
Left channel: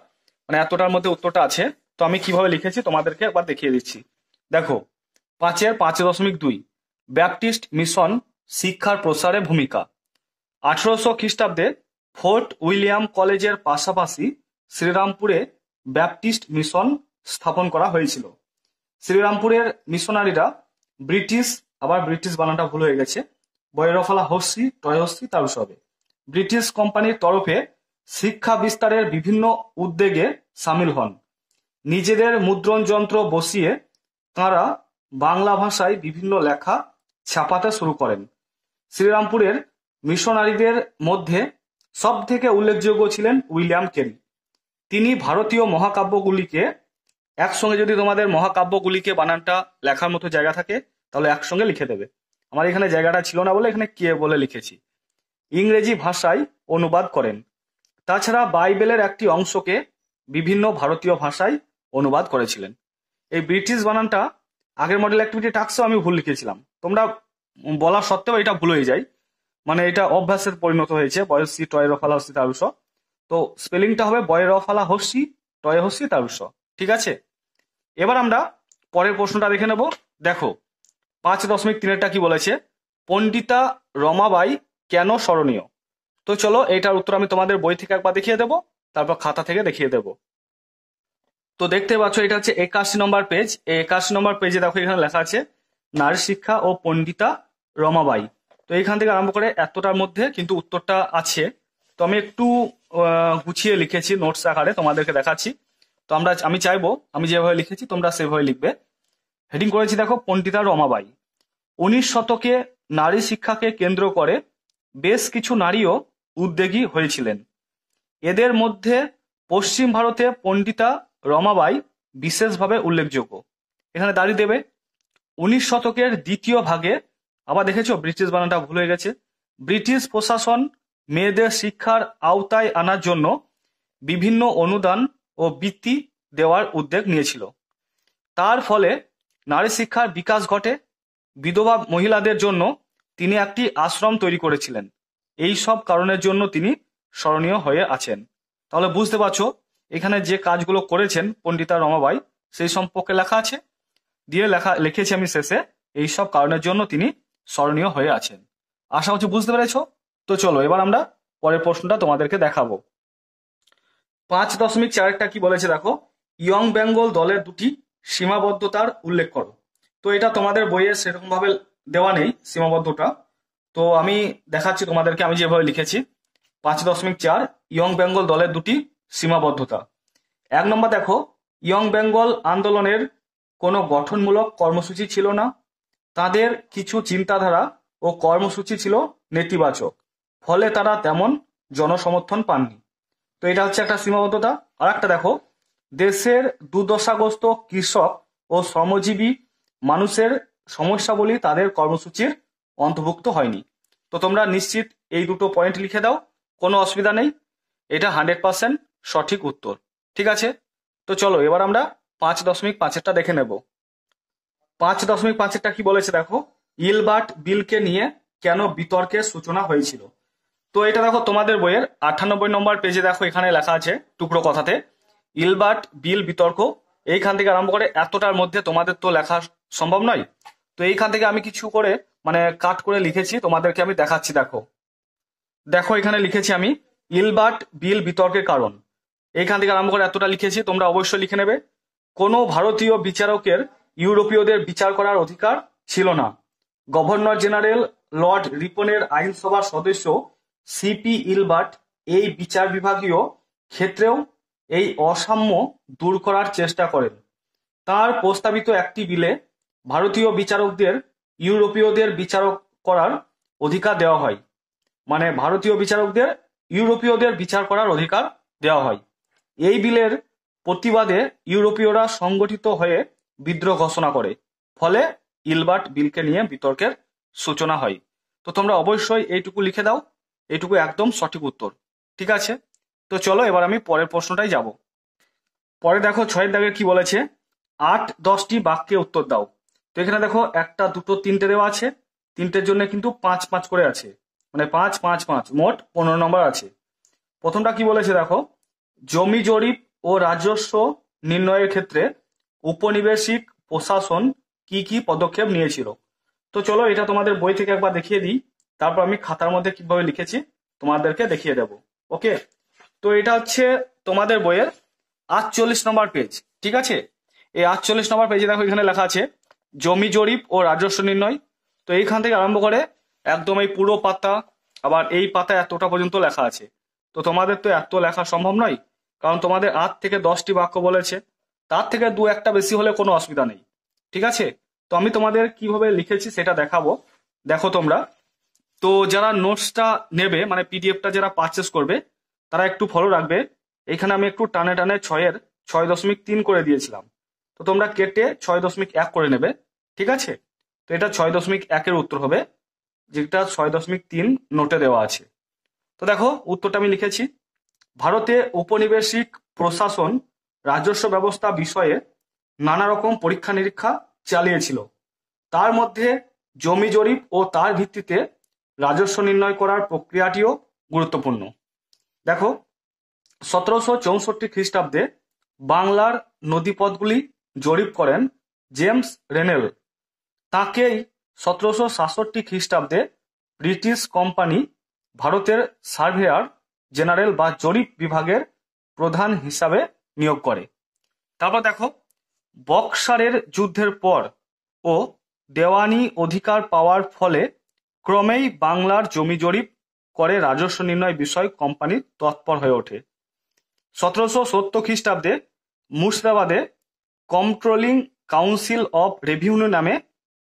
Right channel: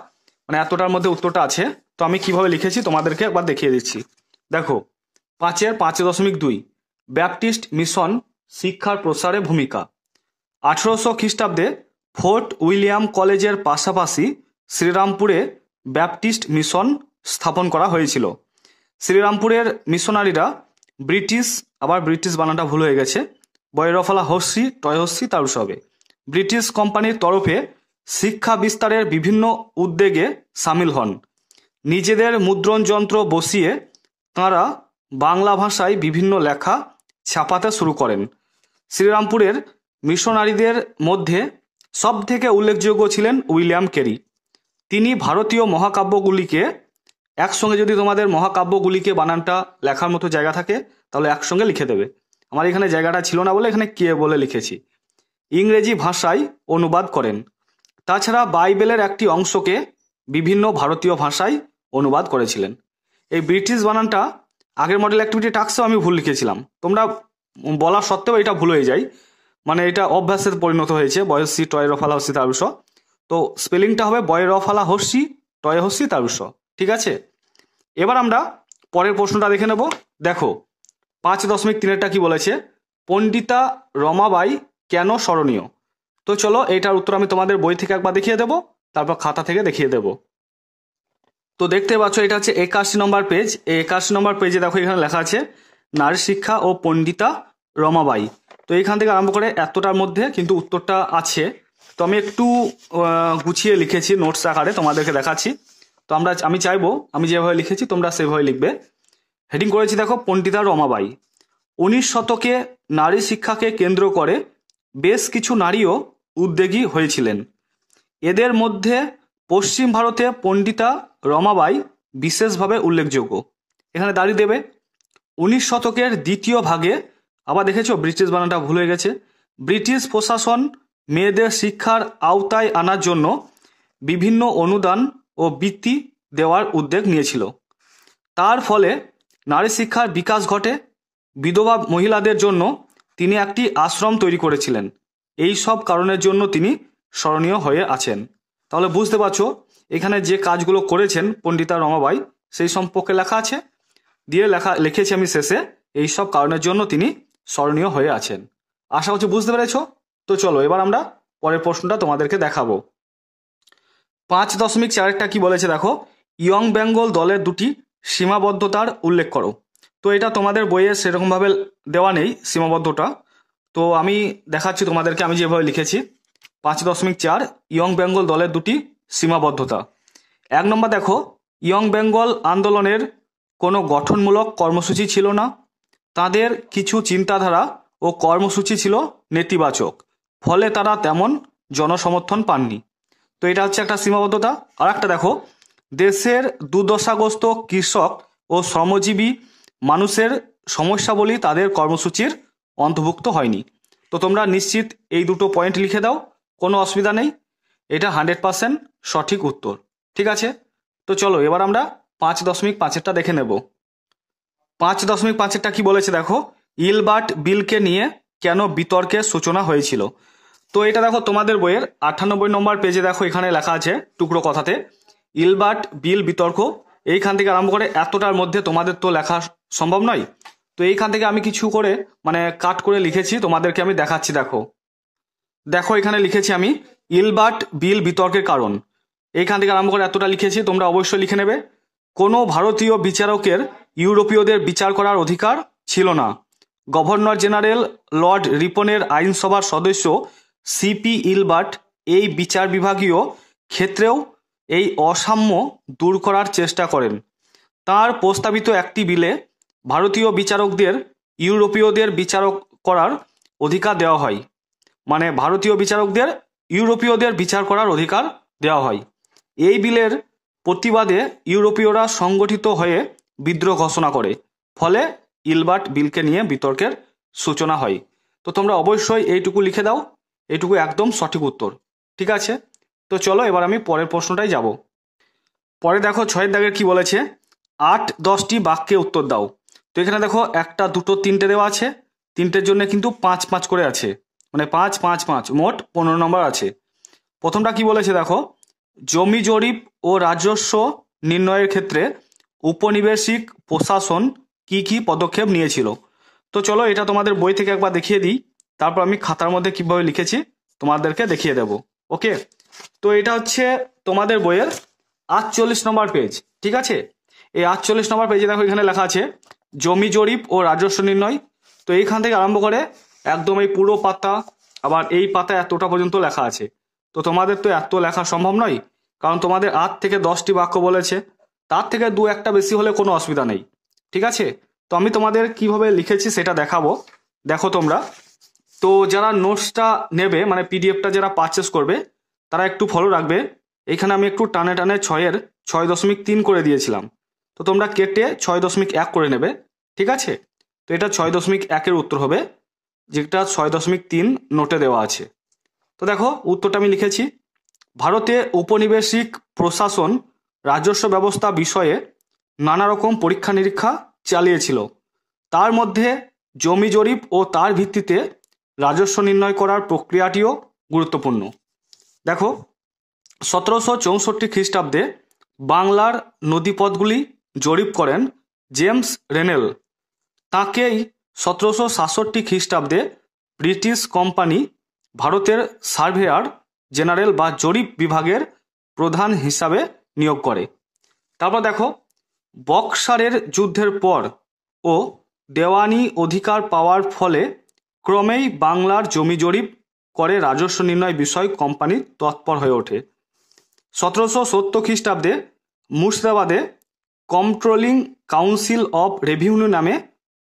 মানে এতটার মধ্যে উত্তরটা আছে। তো আমি কিভাবে লিখেছি তোমাদেরকে একবার দেখিয়ে দিচ্ছি। দেখো 5.5.2 ব্যাপটিস্ট মিশন শিক্ষার প্রসারে ভূমিকা। 1800 খ্রিস্টাব্দে ফোর্ট উইলিয়াম কলেজের পাশাপাশি শ্রীরামপুরে ব্যাপটিস্ট মিশন স্থাপন করা হয়েছিল। শ্রীরামপুরের মিশনারিরা ব্রিটিশ, আবার ব্রিটিশ বানানটা ভুল হয়ে গেছে, বয়রফলা হস্যি টয় হস্যি তার হবে, ব্রিটিশ কোম্পানির তরফে শিক্ষা বিস্তারের বিভিন্ন উদ্যোগে সামিল হন। নিজেদের মুদ্রণ যন্ত্র বসিয়ে তাঁরা বাংলা ভাষায় বিভিন্ন লেখা ছাপাতে শুরু করেন। শ্রীরামপুরের মিশনারিদের মধ্যে সব থেকে উল্লেখযোগ্য ছিলেন উইলিয়াম কেরি। তিনি ভারতীয় মহাকাব্যগুলিকে একসঙ্গে, যদি তোমাদের মহাকাব্যগুলিকে বানানটা লেখার মতো জায়গা থাকে তাহলে একসঙ্গে লিখে দেবে, আমার এখানে জায়গাটা ছিল না বলে এখানে কে বলে লিখেছি, ইংরেজি ভাষায় অনুবাদ করেন। তাছাড়া বাইবেলের একটি অংশকে বিভিন্ন ভারতীয় ভাষায় অনুবাদ করেছিলেন। এই ব্রিটিশ বানানটা আগের মডেল অ্যাক্টিভিটি টাস্কেও আমি ভুল লিখেছিলাম, তোমরা বলা সত্ত্বেও এটা ভুল হয়ে যায়, মানে এটা অভ্যাসের পরিণত হয়েছে, বয়সী টয় রফালা হস্যি তারুষ। তো স্পেলিংটা হবে বয় রফালা হস্যি টয় হস্যি তারুষ, ঠিক আছে। এবার আমরা পরের প্রশ্নটা দেখে নেব। দেখো 5.3 কি বলেছে, পণ্ডিতা রমাবাই কেন স্মরণীয়। তো চলো এইটার উত্তর আমি তোমাদের বই থেকে একবার দেখিয়ে দেবো, তারপর খাতা থেকে দেখিয়ে দেবো। তো দেখতে পাচ্ছ এটা হচ্ছে 81 নম্বর পেজ। এই 81 নম্বর পেজে দেখো এখানে লেখা আছে নারী শিক্ষা ও পণ্ডিতা রমাবাই। তো এইখান থেকে আরম্ভ করে এতটার মধ্যে কিন্তু উত্তরটা আছে। তো আমি একটু গুছিয়ে লিখেছি নোটস আকারে, তোমাদেরকে দেখাচ্ছি। তো আমি চাইবো আমি যেভাবে লিখেছি তোমরা সেভাবে লিখবে। হেডিং করেছি দেখো পণ্ডিতা রমাবাই। 19 শতকে নারী শিক্ষাকে কেন্দ্র করে বেশ কিছু নারীও উদ্যোগী হয়েছিলেন। এদের মধ্যে পশ্চিম ভারতে পণ্ডিতা রমাবাই বিশেষভাবে উল্লেখযোগ্য। এখানে দাঁড়িয়ে দেবে 19 শতকের দ্বিতীয় ভাগে, আবার দেখেছো ব্রিটিশ বানানটা ভুল হয়ে গেছে, ব্রিটিশ প্রশাসন মেয়েদের শিক্ষার আওতায় আনার জন্য বিভিন্ন অনুদান ও বৃত্তি দেওয়ার উদ্যোগ নিয়েছিল। তার ফলে নারী শিক্ষার বিকাশ ঘটে। বিধবা মহিলাদের জন্য তিনি একটি আশ্রম তৈরি করেছিলেন। এই সব কারণের জন্য তিনি স্মরণীয় হয়ে আছেন। তাহলে বুঝতে পারছো এখানে যে কাজগুলো করেছেন পণ্ডিতা রমাবাই সেই সম্পর্কে লেখা আছে, দিয়ে লিখেছি আমি শেষে এই সব কারণের জন্য তিনি স্মরণীয় হয়ে আছেন। আশা করছি বুঝতে পেরেছ। তো চলো এবার আমরা পরের প্রশ্নটা তোমাদেরকে দেখাবো। 5.4 কি বলেছে দেখো, ইয়ং বেঙ্গল দলের দুটি সীমাবদ্ধতার উল্লেখ করো। তো এটা তোমাদের বইয়ে সেরকম ভাবে দেওয়া নেই সীমাবদ্ধতা, তো আমি দেখাচ্ছি তোমাদেরকে আমি যেভাবে লিখেছি। 5.4 ইয়ং বেঙ্গল দলের দুটি সীমাবদ্ধতা। 1 নম্বর দেখো, ইয়ং বেঙ্গল আন্দোলনের কোনো গঠনমূলক কর্মসূচি ছিল না। তাদের কিছু চিন্তাধারা ও কর্মসূচি ছিল নেতিবাচক, ফলে তারা তেমন জনসমর্থন পাননি। তো এটা হচ্ছে একটা সীমাবদ্ধতা। আর একটা দেখো, দেশের দুর্দশাগ্রস্ত কৃষক ও শ্রমজীবী মানুষের সমস্যাবলী তাদের কর্মসূচির অন্তর্ভুক্ত হয়নি। তো তোমরা নিশ্চিত এই দুটো পয়েন্ট লিখে দাও, কোনো অসুবিধা নেই, এটা 100% সঠিক উত্তর। ঠিক আছে, তো চলো এবার আমরা 5.5-এরটা দেখে নেব। 5.5-এরটা কি বলেছে দেখো, ইলবার্ট বিলকে নিয়ে কেন বিতর্কের সূচনা হয়েছিল। তো এটা দেখো তোমাদের বইয়ের 98 নম্বর পেজে দেখো, এখানে লেখা আছে টুকরো কথাতে ইলবার্ট বিল বিতর্ক। এইখান থেকে আরম্ভ করে এতটার মধ্যে তোমাদের তো লেখা সম্ভব নয়, তো এইখান থেকে আমি কিছু করে কাট করে লিখেছি, তোমাদেরকে আমি দেখাচ্ছি। দেখো দেখো এখানে লিখেছি আমি ইলবার্ট বিল বিতর্কের কারণ। এইখান থেকে আরম্ভ করে এতটা লিখেছি, তোমরা অবশ্যই লিখে নেবে। কোনো ভারতীয় বিচারকের ইউরোপীয়দের বিচার করার অধিকার ছিল না। গভর্নর জেনারেল লর্ড রিপনের আইনসভার সদস্য সিপি ইলবার্ট এই বিচার বিভাগীয় ক্ষেত্রেও এই অসাম্য দূর করার চেষ্টা করেন। তার প্রস্তাবিত একটি বিলে ভারতীয় বিচারকদের ইউরোপীয়দের বিচার করার অধিকার দেওয়া হয়, ভারতীয় বিচারকদের ইউরোপীয়দের বিচার করার অধিকার দেওয়া হয়। এই বিলের প্রতিবাদে ইউরোপীয়রা সংগঠিত হয়ে বিদ্রোহ ঘোষণা করে, ফলে ইলবার্ট বিলকে নিয়ে বিতর্কের সূচনা হয়। তো তোমরা অবশ্যই এইটুকু লিখে দাও, এইটুকু একদম সঠিক উত্তর। ঠিক আছে, তো চলো এবার আমি পরের প্রশ্নটাই যাব। পরে দেখো 6 দাগে কি বলেছে, 8-10টি বাক্যে উত্তর দাও। তো এখানে দেখো 1, 2, 3টে দেওয়া আছে, 3টের জন্য কিন্তু 5-5 করে আছে, 5-5-5 মোট 15 নম্বর আছে। প্রথমটা কি বলেছে দেখো, জমি জরিপ ও রাজস্ব নির্ণয়ের ক্ষেত্রে উপনিবেশিক প্রশাসন কি কি পদক্ষেপ নিয়েছিল। তো চলো এটা তোমাদের বই থেকে একবার দেখিয়ে দিই, তারপর আমি খাতার মধ্যে কিভাবে লিখেছি তোমাদেরকে দেখিয়ে দেব। ওকে, তো এটা হচ্ছে তোমাদের বইয়ের 48 নম্বর পেজ। ঠিক আছে, এই 48 নম্বর পেজে দেখো এখানে লেখা আছে জমি জরিপ ও রাজস্ব নির্ণয়। তো এইখান থেকে আরম্ভ করে একদম এই পুরো পাতা, আবার এই পাতা এতটা পর্যন্ত লেখা আছে। তো তোমাদের তো এত লেখা সম্ভব নয়, কারণ তোমাদের 8 থেকে 10টি বাক্য বলেছে, তার থেকে 2-1টা বেশি হলে কোনো অসুবিধা নেই। ঠিক আছে, তো আমি তোমাদের কিভাবে লিখেছি সেটা দেখাবো, দেখো তোমরা। তো যারা নোটসটা নেবে, পিডিএফটা যারা পারচেস করবে, তারা একটু ফলো রাখবে। এখানে আমি একটু টানে টানে 6-এর 6.3 করে দিয়েছিলাম, তো তোমরা কেটে 6.1 করে নেবে। ঠিক আছে, তো এটা 6.1-এর উত্তর হবে, যেটা 6.3 নোটে দেওয়া আছে। তো দেখো উত্তরটা আমি লিখেছি, ভারতে উপনিবেশিক প্রশাসন রাজস্ব ব্যবস্থা বিষয়ে নানা রকম পরীক্ষা নিরীক্ষা চালিয়েছিল। তার মধ্যে জমি জরিপ ও তার ভিত্তিতে রাজস্ব নির্ণয় করার প্রক্রিয়াটিও গুরুত্বপূর্ণ। দেখো 1764 খ্রিস্টাব্দে বাংলার নদীপথগুলি জরিপ করেন জেমস রেনেল। তাকেই 1767 খ্রিস্টাব্দে ব্রিটিশ কোম্পানি ভারতের সার্ভেয়ার জেনারেল বা জরিপ বিভাগের প্রধান হিসাবে নিয়োগ করে। তারপর দেখো বক্সারের যুদ্ধের পর ও দেওয়ানি অধিকার পাওয়ার ফলে ক্রমেই বাংলার জমি জরিপ করে রাজস্ব নির্ণয় বিষয় কোম্পানি তৎপর হয়ে ওঠে। 1770 খ্রিস্টাব্দে মুর্শিদাবাদে কন্ট্রোলিং কাউন্সিল অব রেভিনিউ নামে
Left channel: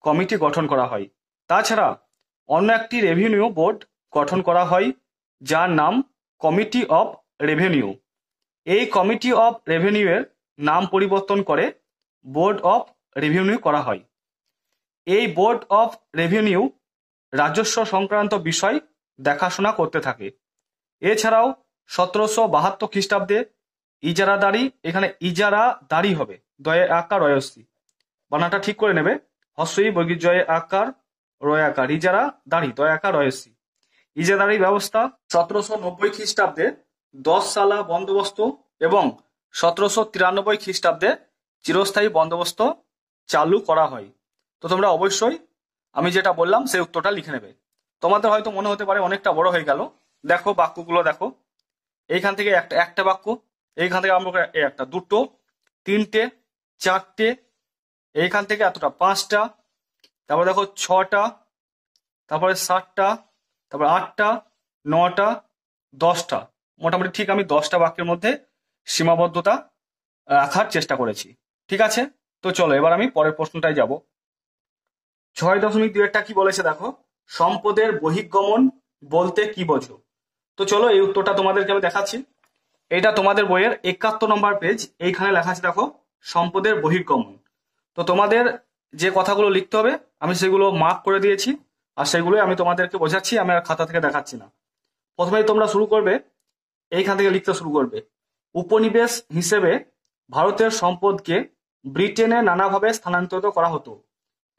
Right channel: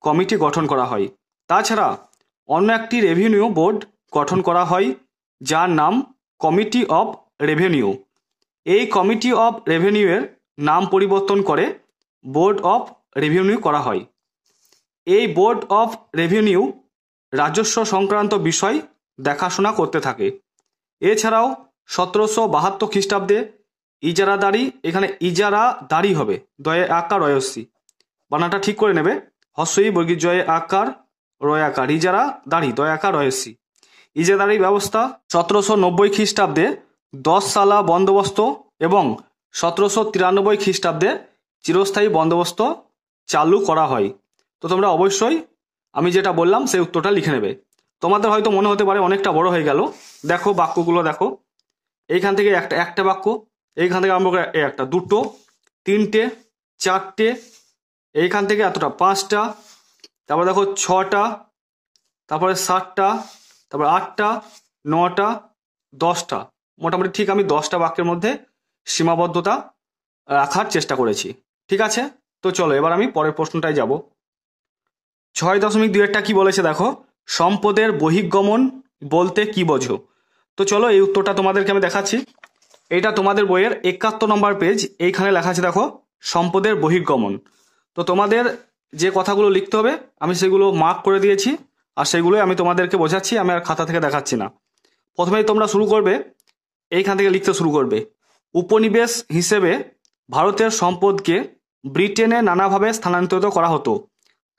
কমিটি গঠন করা হয়। তাছাড়া অন্য একটি রেভিনিউ বোর্ড গঠন করা হয়, যার নাম কমিটি অব রেভিনিউ। এই কমিটি অব রেভিনিউয়ের নাম পরিবর্তন করে বোর্ড অফ রেভিনিউ করা হয়। এই বোর্ড অফ রেভিনিউ রাজস্ব সংক্রান্ত বিষয় দেখাশোনা করতে থাকে। এছাড়াও 1772 খ্রিস্টাব্দে ইজারাদারি, এখানে ইজারাদারি হবে দয়ে আকার রয়সি, বানাটা ঠিক করে নেবে, হস্যই বর্গীর জয়ে আকার রয় আকার, ইজারা দাড়ি দয় আকার রয়সি, ইজারাদারি ব্যবস্থা। 1790 খ্রিস্টাব্দে 10 সালা বন্দোবস্ত এবং 1793 খ্রিস্টাব্দে চিরস্থায়ী বন্দোবস্ত চালু করা হয়। তো তোমরা অবশ্যই আমি যেটা বললাম সেই উত্তরটা লিখে নেবে। তোমাদের হয়তো মনে হতে পারে অনেকটা বড় হয়ে গেল, দেখো বাক্যগুলো দেখো, এইখান থেকে একটা বাক্য, এইখান থেকে আরম্ভ করে একটা, দুটো, তিনটে, চারটে, এইখান থেকে এতটা, 5টা, তারপর দেখো 6টা, তারপরে 7টা, তারপর 8টা, 9টা, 10টা, মোটামুটি ঠিক আমি 10টা বাক্যের মধ্যে সীমাবদ্ধতা রাখার চেষ্টা করেছি। ঠিক আছে, তো চলো এবার আমি পরের প্রশ্নটাই যাব। 6.2 কি বলেছে দেখো, সম্পদের বহির্গমন বলতে কি বোঝো? তো চলো এই উত্তরটা তোমাদেরকে আমি দেখাচ্ছি। এটা তোমাদের বইয়ের 71 নম্বর পেজ, এইখানে লেখা আছে দেখো, সম্পদের বহির্গমন। তো তোমাদের যে কথাগুলো লিখতে হবে আমি সেগুলো মার্ক করে দিয়েছি, আর সেগুলোই আমি তোমাদেরকে বোঝাচ্ছি, আমি আর খাতা থেকে দেখাচ্ছি না। প্রথমেই তোমরা শুরু করবে, এইখান থেকে লিখতে শুরু করবে। উপনিবেশ হিসেবে ভারতের সম্পদকে ব্রিটেনে নানাভাবে স্থানান্তরিত করা হতো।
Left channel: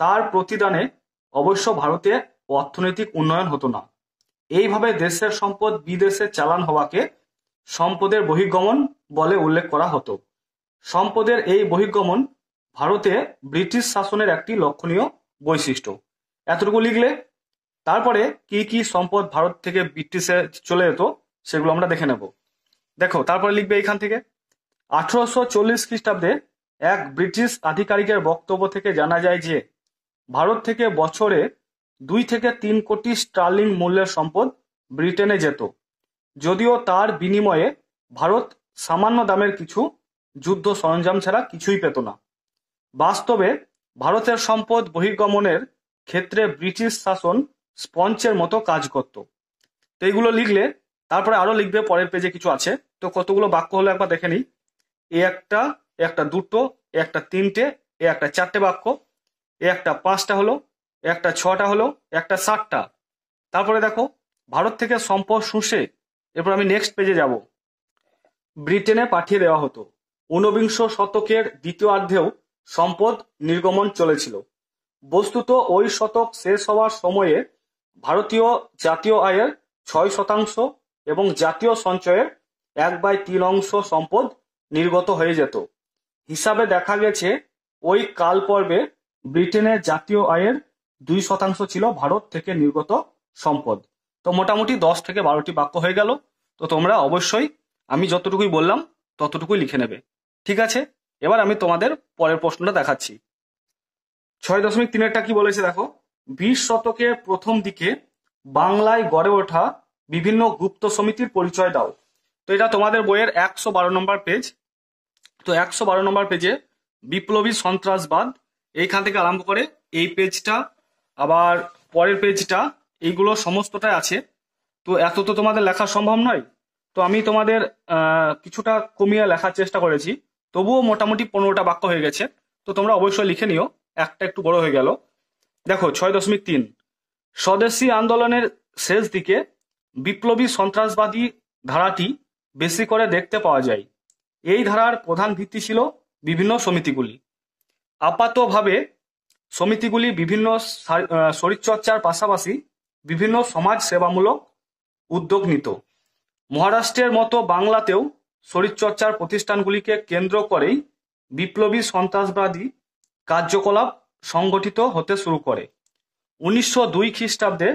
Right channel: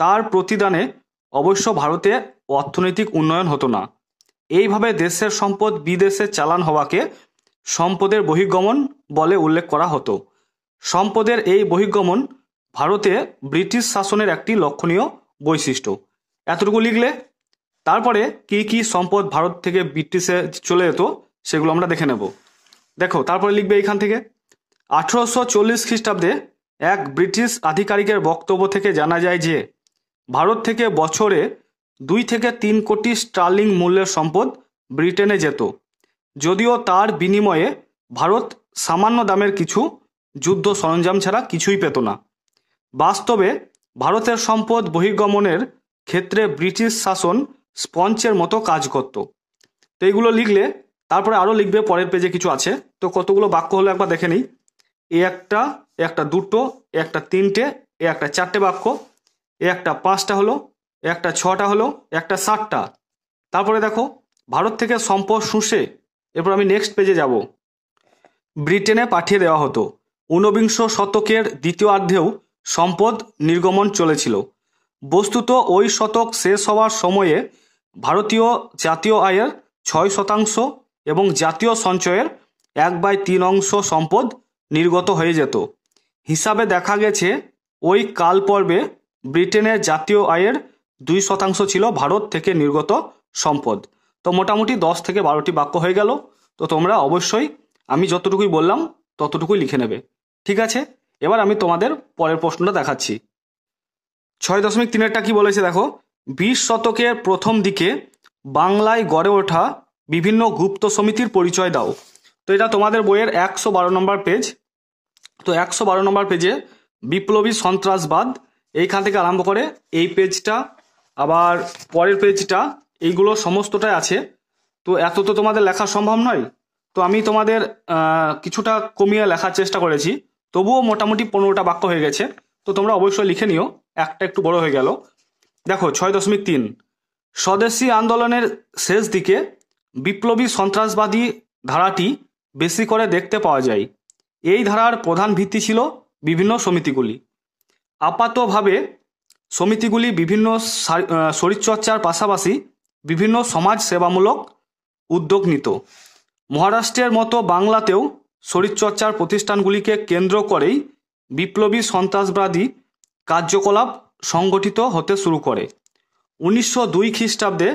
তার প্রতিদানে অবশ্য ভারতে অর্থনৈতিক উন্নয়ন হতো না। এইভাবে দেশের সম্পদ বিদেশে চালান হওয়াকে সম্পদের বহির্গমন বলে উল্লেখ করা হতো। সম্পদের এই বহির্গমন ভারতে ব্রিটিশ শাসনের একটি লক্ষণীয় বৈশিষ্ট্য। এতটুকু লিখলে তারপরে কি কি সম্পদ ভারত থেকে ব্রিটিশে চলে যেত সেগুলো আমরা দেখে নেব। দেখো তারপরে লিখবে এইখান থেকে, 1840 খ্রিস্টাব্দে এক ব্রিটিশ আধিকারিকের বক্তব্য থেকে জানা যায় যে ভারত থেকে বছরে 2 থেকে 3 কোটি স্টার্লিং মূল্যের সম্পদ ব্রিটেনে যেত, যদিও তার বিনিময়ে ভারত সামান্য দামের কিছু যুদ্ধ সরঞ্জাম ছাড়া কিছুই পেত না। বাস্তবে ভারতের সম্পদ বহির্গমনের ক্ষেত্রে ব্রিটিশ শাসন স্পঞ্জের মতো কাজ করত। তো এইগুলো লিখলে তারপরে আরো লিখবে, পরের পেজে কিছু আছে। তো কতগুলো বাক্য হলো একবার দেখে নিই। এ একটা, এ একটা দুটো, এ একটা তিনটে, এ একটা চারটে বাক্য, এ একটা 5টা হলো, এ একটা 6টা হলো, একটা 7টা। তারপরে দেখো, ভারত থেকে সম্পদ শুষে এরপর আমি নেক্সট পেজে যাব, ব্রিটেনে পাঠিয়ে দেওয়া হতো। ঊনবিংশ শতকের দ্বিতীয়ার্ধেও সম্পদ নির্গমন চলেছিল। বস্তুত ওই শতক শেষ হওয়ার সময়ে ভারতীয় জাতীয় আয়ের 6% এবং জাতীয় সঞ্চয়ের 1/3 সম্পদ নির্গত হয়ে যেত। হিসাবে দেখা গেছে ওই কাল পর্বে ব্রিটেনের জাতীয় আয়ের 2% ছিল ভারত থেকে নির্গত সম্পদ। তো মোটামুটি 10 থেকে 12টি বাক্য হয়ে গেল। তো তোমরা অবশ্যই আমি যতটুকুই বললাম ততটুকুই লিখে নেবে, ঠিক আছে? এবার আমি তোমাদের পরের প্রশ্নটা দেখাচ্ছি। 6.3 কি বলেছে দেখো, 20 শতকের প্রথম দিকে বাংলায় গড়ে ওঠা বিভিন্ন গুপ্ত সমিতির পরিচয় দাও। তো এটা তোমাদের বইয়ের 112 নম্বর পেজ। তো 112 নম্বর পেজে বিপ্লবী সন্ত্রাসবাদ, এইখান থেকে আরম্ভ করে এই পেজটা আবার পরের পেজটা, এইগুলো সমস্তটাই আছে। তো এত তো তোমাদের লেখা সম্ভব নয়, তো আমি তোমাদের কিছুটা কমিয়ে লেখার চেষ্টা করেছি, তবুও মোটামুটি 15টা বাক্য হয়ে গেছে। তো তোমরা অবশ্যই লিখে নিও, একটা একটু বড় হয়ে গেল। দেখো 6.3, স্বদেশী আন্দোলনের শেষ দিকে বিপ্লবী সন্ত্রাসবাদী ধারাটি বেশি করে দেখতে পাওয়া যায়। এই ধারার প্রধান ভিত্তি ছিল বিভিন্ন সমিতিগুলি। আপাতভাবে সমিতিগুলি বিভিন্ন শরীরচর্চার পাশাপাশি বিভিন্ন সমাজ সেবামূলক উদ্যোগ নিত। মহারাষ্ট্রের মতো বাংলাতেও শরীরচর্চার প্রতিষ্ঠানগুলিকে কেন্দ্র করেই বিপ্লবী সন্ত্রাসবাদী কার্যকলাপ সংগঠিত হতে শুরু করে। 1902 খ্রিস্টাব্দে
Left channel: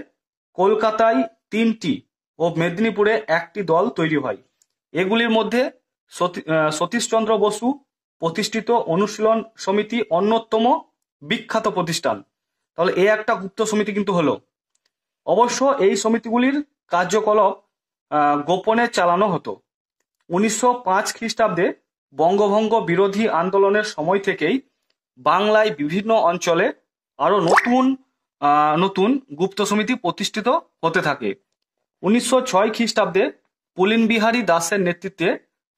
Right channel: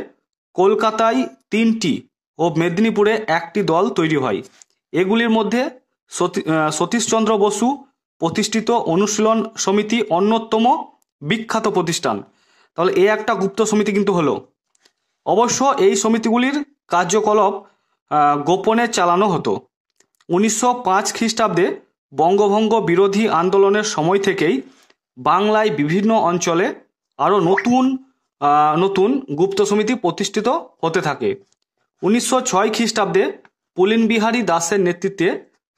কলকাতায় 3টি ও মেদিনীপুরে 1টি দল তৈরি হয়। এগুলির মধ্যে সতীশচন্দ্র বসু প্রতিষ্ঠিত অনুশীলন সমিতি অন্যতম বিখ্যাত প্রতিষ্ঠান। তাহলে এই একটা গুপ্ত সমিতি কিন্তু হলো। অবশ্য এই সমিতিগুলির কার্যকলাপ গোপনে চালানো হতো। 1905 খ্রিস্টাব্দে বঙ্গভঙ্গ বিরোধী আন্দোলনের সময় থেকেই বাংলায় বিভিন্ন অঞ্চলে আরো নতুন নতুন গুপ্ত সমিতি প্রতিষ্ঠিত হতে থাকে। 1906 খ্রিস্টাব্দে পুলিন বিহারী দাসের নেতৃত্বে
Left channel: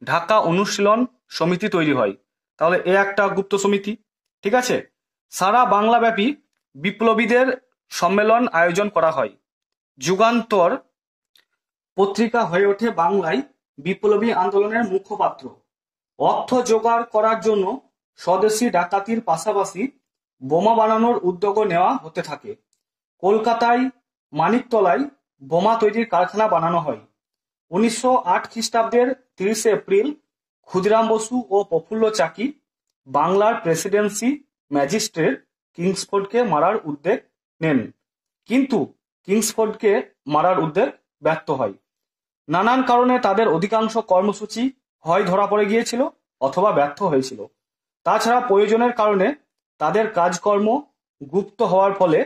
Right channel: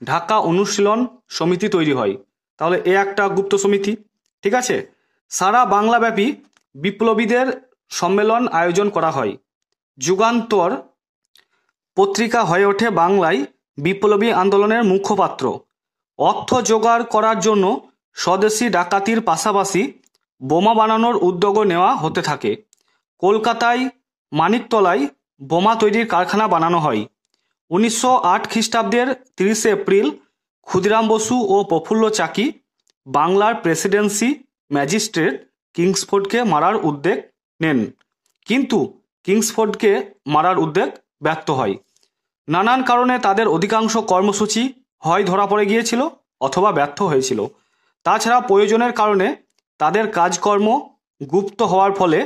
ঢাকা অনুশীলন সমিতি তৈরি হয়। তাহলে এ একটা গুপ্ত সমিতি, ঠিক আছে? সারা বাংলাব্যাপী বিপ্লবীদের সম্মেলন আয়োজন করা হয়। যুগান্তর পত্রিকা হয়ে ওঠে বাংলায় বিপ্লবী আন্দোলনের মুখপাত্র। অর্থ জোগাড় করার জন্য স্বদেশী ডাকাতির পাশাপাশি বোমা বানানোর উদ্যোগও নেওয়া হতে থাকে। কলকাতায় মানিকতলায় বোমা তৈরির কারখানা বানানো হয়। 1908 খ্রিস্টাব্দের 30 এপ্রিল ক্ষুদিরাম বসু ও প্রফুল্ল চাকি বাংলার প্রেসিডেন্সি ম্যাজিস্ট্রেট কিংসফোর্ডকে মারার উদ্যোগ নেন, কিন্তু কিংসফোর্ডকে মারার উদ্যোগ ব্যর্থ হয়। নানান কারণে তাদের অধিকাংশ কর্মসূচি হয় ধরা পড়ে গিয়েছিল অথবা ব্যর্থ হয়েছিল। তাছাড়া প্রয়োজনের কারণে তাদের কাজকর্ম গুপ্ত হওয়ার ফলে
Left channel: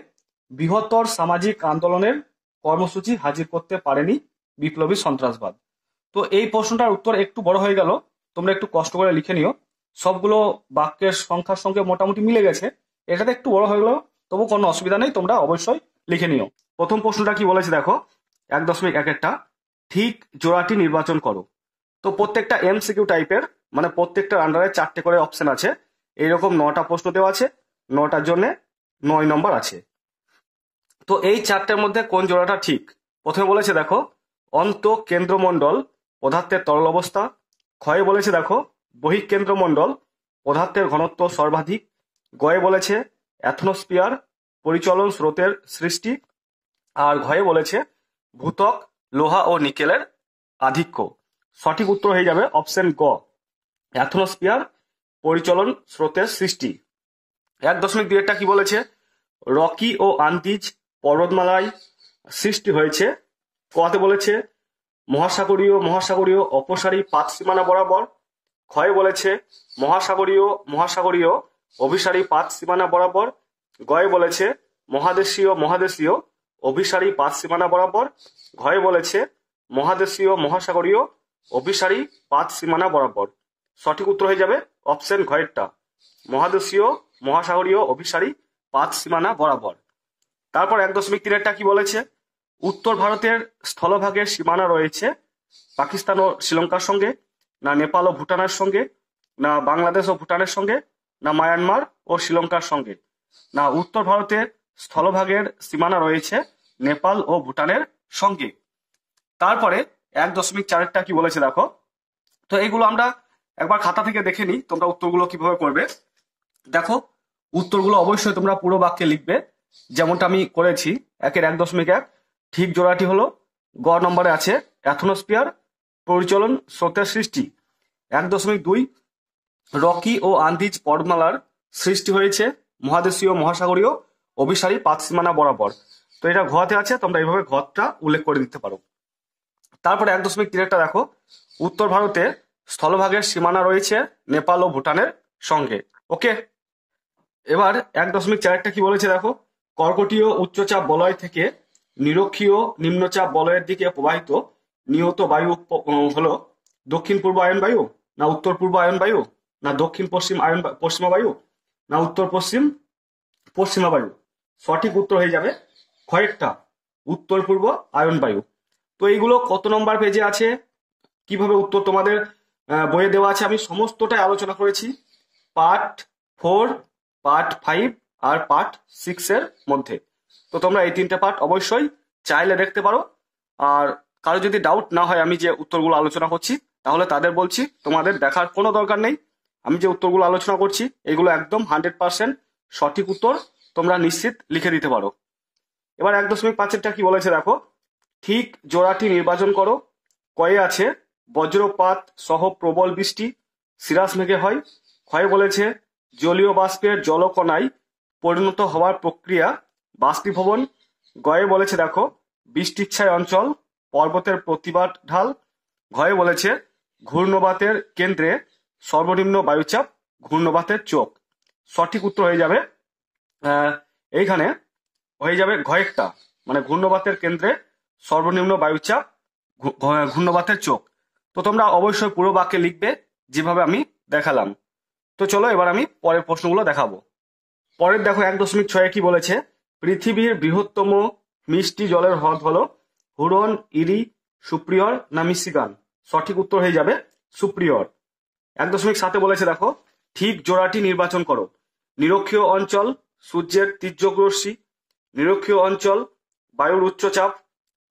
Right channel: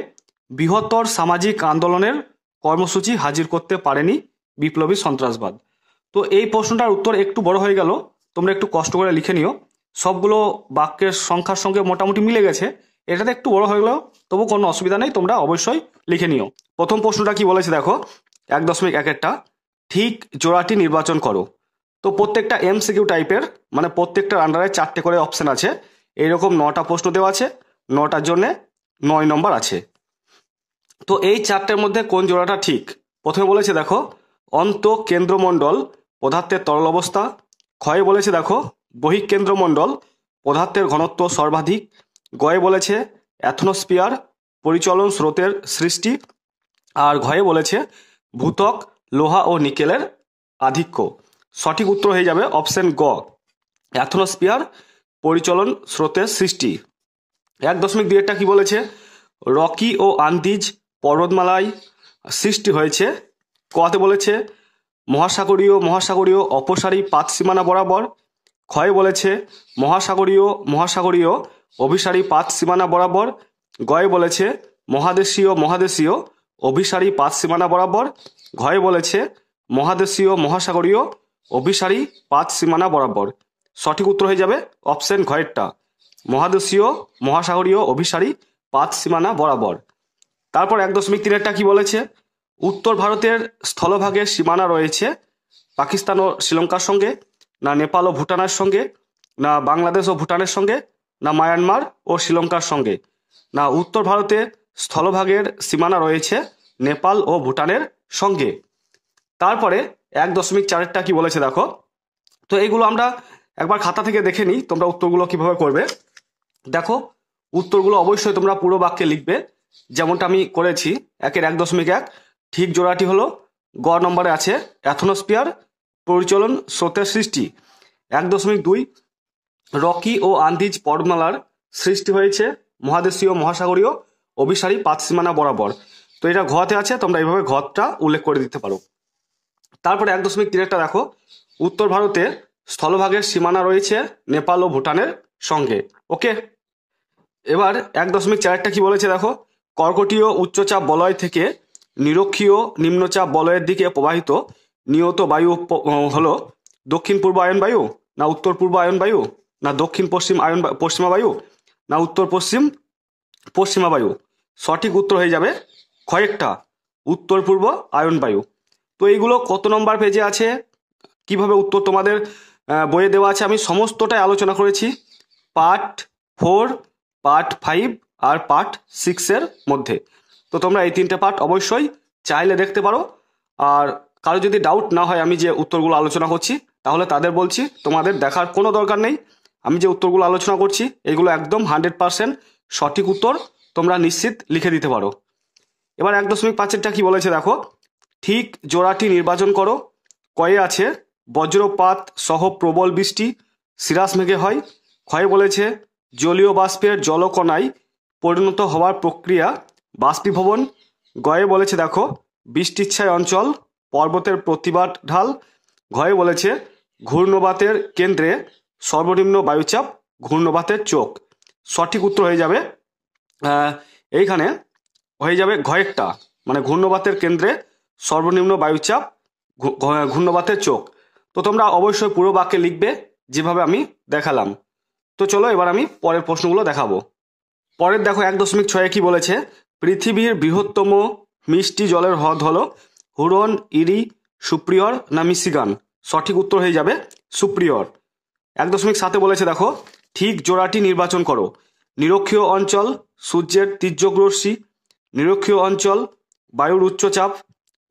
বৃহত্তর সামাজিক আন্দোলনের কর্মসূচি হাজির করতে পারেনি বিপ্লবী সন্ত্রাসবাদ। তো এই প্রশ্নটার উত্তর একটু বড় হয়ে গেল, তোমরা একটু কষ্ট করে লিখে নিও। সবগুলো বাক্যের সংখ্যার সঙ্গে মোটামুটি মিলে গেছে, এটাতে একটু বড় হয়ে গেল, তবু কোনো অসুবিধা নেই, তোমরা অবশ্যই লিখে নিও। প্রথম প্রশ্নটা কি বলেছে দেখো, 1.1 ঠিক জোড়াটি নির্বাচন করো। তো প্রত্যেকটা এমসিকিউ টাইপের, মানে প্রত্যেকটার আন্ডারে 4টে করে অপশন আছে। এইরকম 9টা প্রশ্ন দেওয়া আছে, 9টার জন্য 9 নম্বর আছে। তো এই 4টের মধ্যে কোন জোড়াটা ঠিক? প্রথমে বলেছে দেখো অন্ত কেন্দ্রমণ্ডল পদার্থের তরল অবস্থা। ক্ষয়ে বলেছে দেখো বহিঃকেন্দ্রমণ্ডল পদার্থের ঘনত্ব সর্বাধিক। গয়ে বলেছে অ্যাথনোস্ফিয়ার পরিচলন স্রোতের সৃষ্টি। আর ঘয়ে বলেছে ভূত্বক লোহা ও নিকেলের আধিক্য। সঠিক উত্তর হয়ে যাবে অপশন গ, অ্যাথনোস্ফিয়ার পরিচলন স্রোতের সৃষ্টি। 1.2 কি বলেছে, রকি ও আন্দিজ পর্বতমালায় সৃষ্টি হয়েছে। কতে বলেছে মহাসাগরীয় অপসারী পাত সীমানা বরাবর। ক্ষয় বলেছে মহাসাগরীয় অভিসারী পাত সীমানা বরাবর। গয়ে বলেছে মহাদেশীয় অভিসারী পাত সীমানা বরাবর। ঘয়ে বলেছে মহাসাগরীয় অভিসারী পাত সীমানা বরাবর। সঠিক উত্তর হয়ে যাবে অপশন ঘয়েরটা, মহাসাগরীয় অভিসারী পাত সীমানা বরাবর। তারপর 1.3 কি বলেছে, উত্তর ভারতের স্থলভাগের সীমানা রয়েছে পাকিস্তান ও শ্রীলঙ্কার সঙ্গে, না নেপাল ও ভুটানের সঙ্গে, না বাংলাদেশ ও ভুটানের সঙ্গে, না মায়ানমার ও শ্রীলঙ্কার সঙ্গে। না উত্তর ভারতে স্থলভাগের সীমানা রয়েছে নেপাল ও ভুটানের সঙ্গে। তারপরে 1.4 কি বলেছে দেখো, তো এইগুলো আমরা একবার খাতা থেকে দেখে নিই তোমরা উত্তরগুলো কিভাবে করবে। দেখো উত্তরগুলো অবশ্যই তোমরা পুরো বাক্যে লিখবে, যেমনটা আমি করেছি। 1.1 ঠিক জোড়াটি হলো গ নম্বরে আছে অ্যাথনোস্ফিয়ার পরিচলন স্রোতের সৃষ্টি। 1.2 রকি ও আন্দিজ পর্বতমালার সৃষ্টি হয়েছে মহাসাগরীয় অভিসারী পাত সীমানা বরাবর। তো এটা ঘতে আছে, তোমরা এইভাবে ঘটা উল্লেখ করে দিতে পারো। তারপরে 1.3 দেখো, উত্তর ভারতে স্থলভাগের সীমানা রয়েছে নেপাল ও ভুটানের সঙ্গে। ওকে, এবার 1.4 কি বলেছে দেখো, কর্কটীয় উচ্চচাপ বলয় থেকে নিরক্ষীয় নিম্নচাপ বলয়ের দিকে প্রবাহিত নিয়ত বায়ু হলো দক্ষিণ পূর্ব আয়ন বায়ু, না উত্তর পূর্ব আয়ন বায়ু, না দক্ষিণ পশ্চিমা বায়ু, না উত্তর পশ্চিমা বায়ু। সঠিক উত্তর হয়ে যাবে কয়েকটা উত্তর পূর্ব আয়ন বায়ু। তো এইগুলো কত নম্বর পেজে আছে, কিভাবে উত্তর তোমাদের বইয়ে দেওয়া আছে, আমি সমস্তটাই আলোচনা করেছি পার্ট 4, পার্ট 5 আর পার্ট 6 এর মধ্যে। তো তোমরা এই 3টে পার্ট অবশ্যই চাইলে দেখতে পারো। আর কারো যদি ডাউট না হয় আমি যে উত্তরগুলো আলোচনা করছি, তাহলে তাদের বলছি তোমাদের দেখার কোনো দরকার নেই। আমি যে উত্তরগুলো আলোচনা করছি এগুলো একদম 100% সঠিক উত্তর, তোমরা নিশ্চিত লিখে দিতে পারো। এবার 1.5 কি বলেছে দেখো, ঠিক জোড়াটি নির্বাচন করো। কয়ে আছে বজ্রপাত সহ প্রবল বৃষ্টি সিরাস মেঘে হয়। ক্ষয়ে বলেছে জলীয় বাষ্পের জলকণায় পরিণত হওয়ার প্রক্রিয়া বাষ্পীভবন। গয়ে বলেছে দেখো বৃষ্টিচ্ছায় অঞ্চল পর্বতের প্রতিবাদ ঢাল। ঘয়ে বলেছে ঘূর্ণবাতের কেন্দ্রে সর্বনিম্ন বায়ুচাপ ঘূর্ণবাতের চোখ। সঠিক উত্তর হয়ে যাবে এইখানে হয়ে যাবে ঘয়েরটা, মানে ঘূর্ণবাতের কেন্দ্রে সর্বনিম্ন বায়ুচাপ ঘূর্ণবাতের চোখ। তো তোমরা অবশ্যই পুরো বাক্যে লিখবে যেভাবে আমি দেখালাম। তো চলো এবার আমি পরের প্রশ্নগুলো দেখাবো। পরের দেখো 1.6 কি বলেছে, পৃথিবীর বৃহত্তম মিষ্টি জলের হ্রদ হলো হুরন, ইরি, সুপ্রিয়র, না মিশিগান। সঠিক উত্তর হয়ে যাবে সুপ্রিয়র। 1.7 বলেছে দেখো ঠিক জোড়াটি নির্বাচন করো। নিরক্ষীয় অঞ্চল সূর্যের তীর্যক রশ্মি, নিরক্ষীয় অঞ্চল বায়ুর উচ্চচাপ,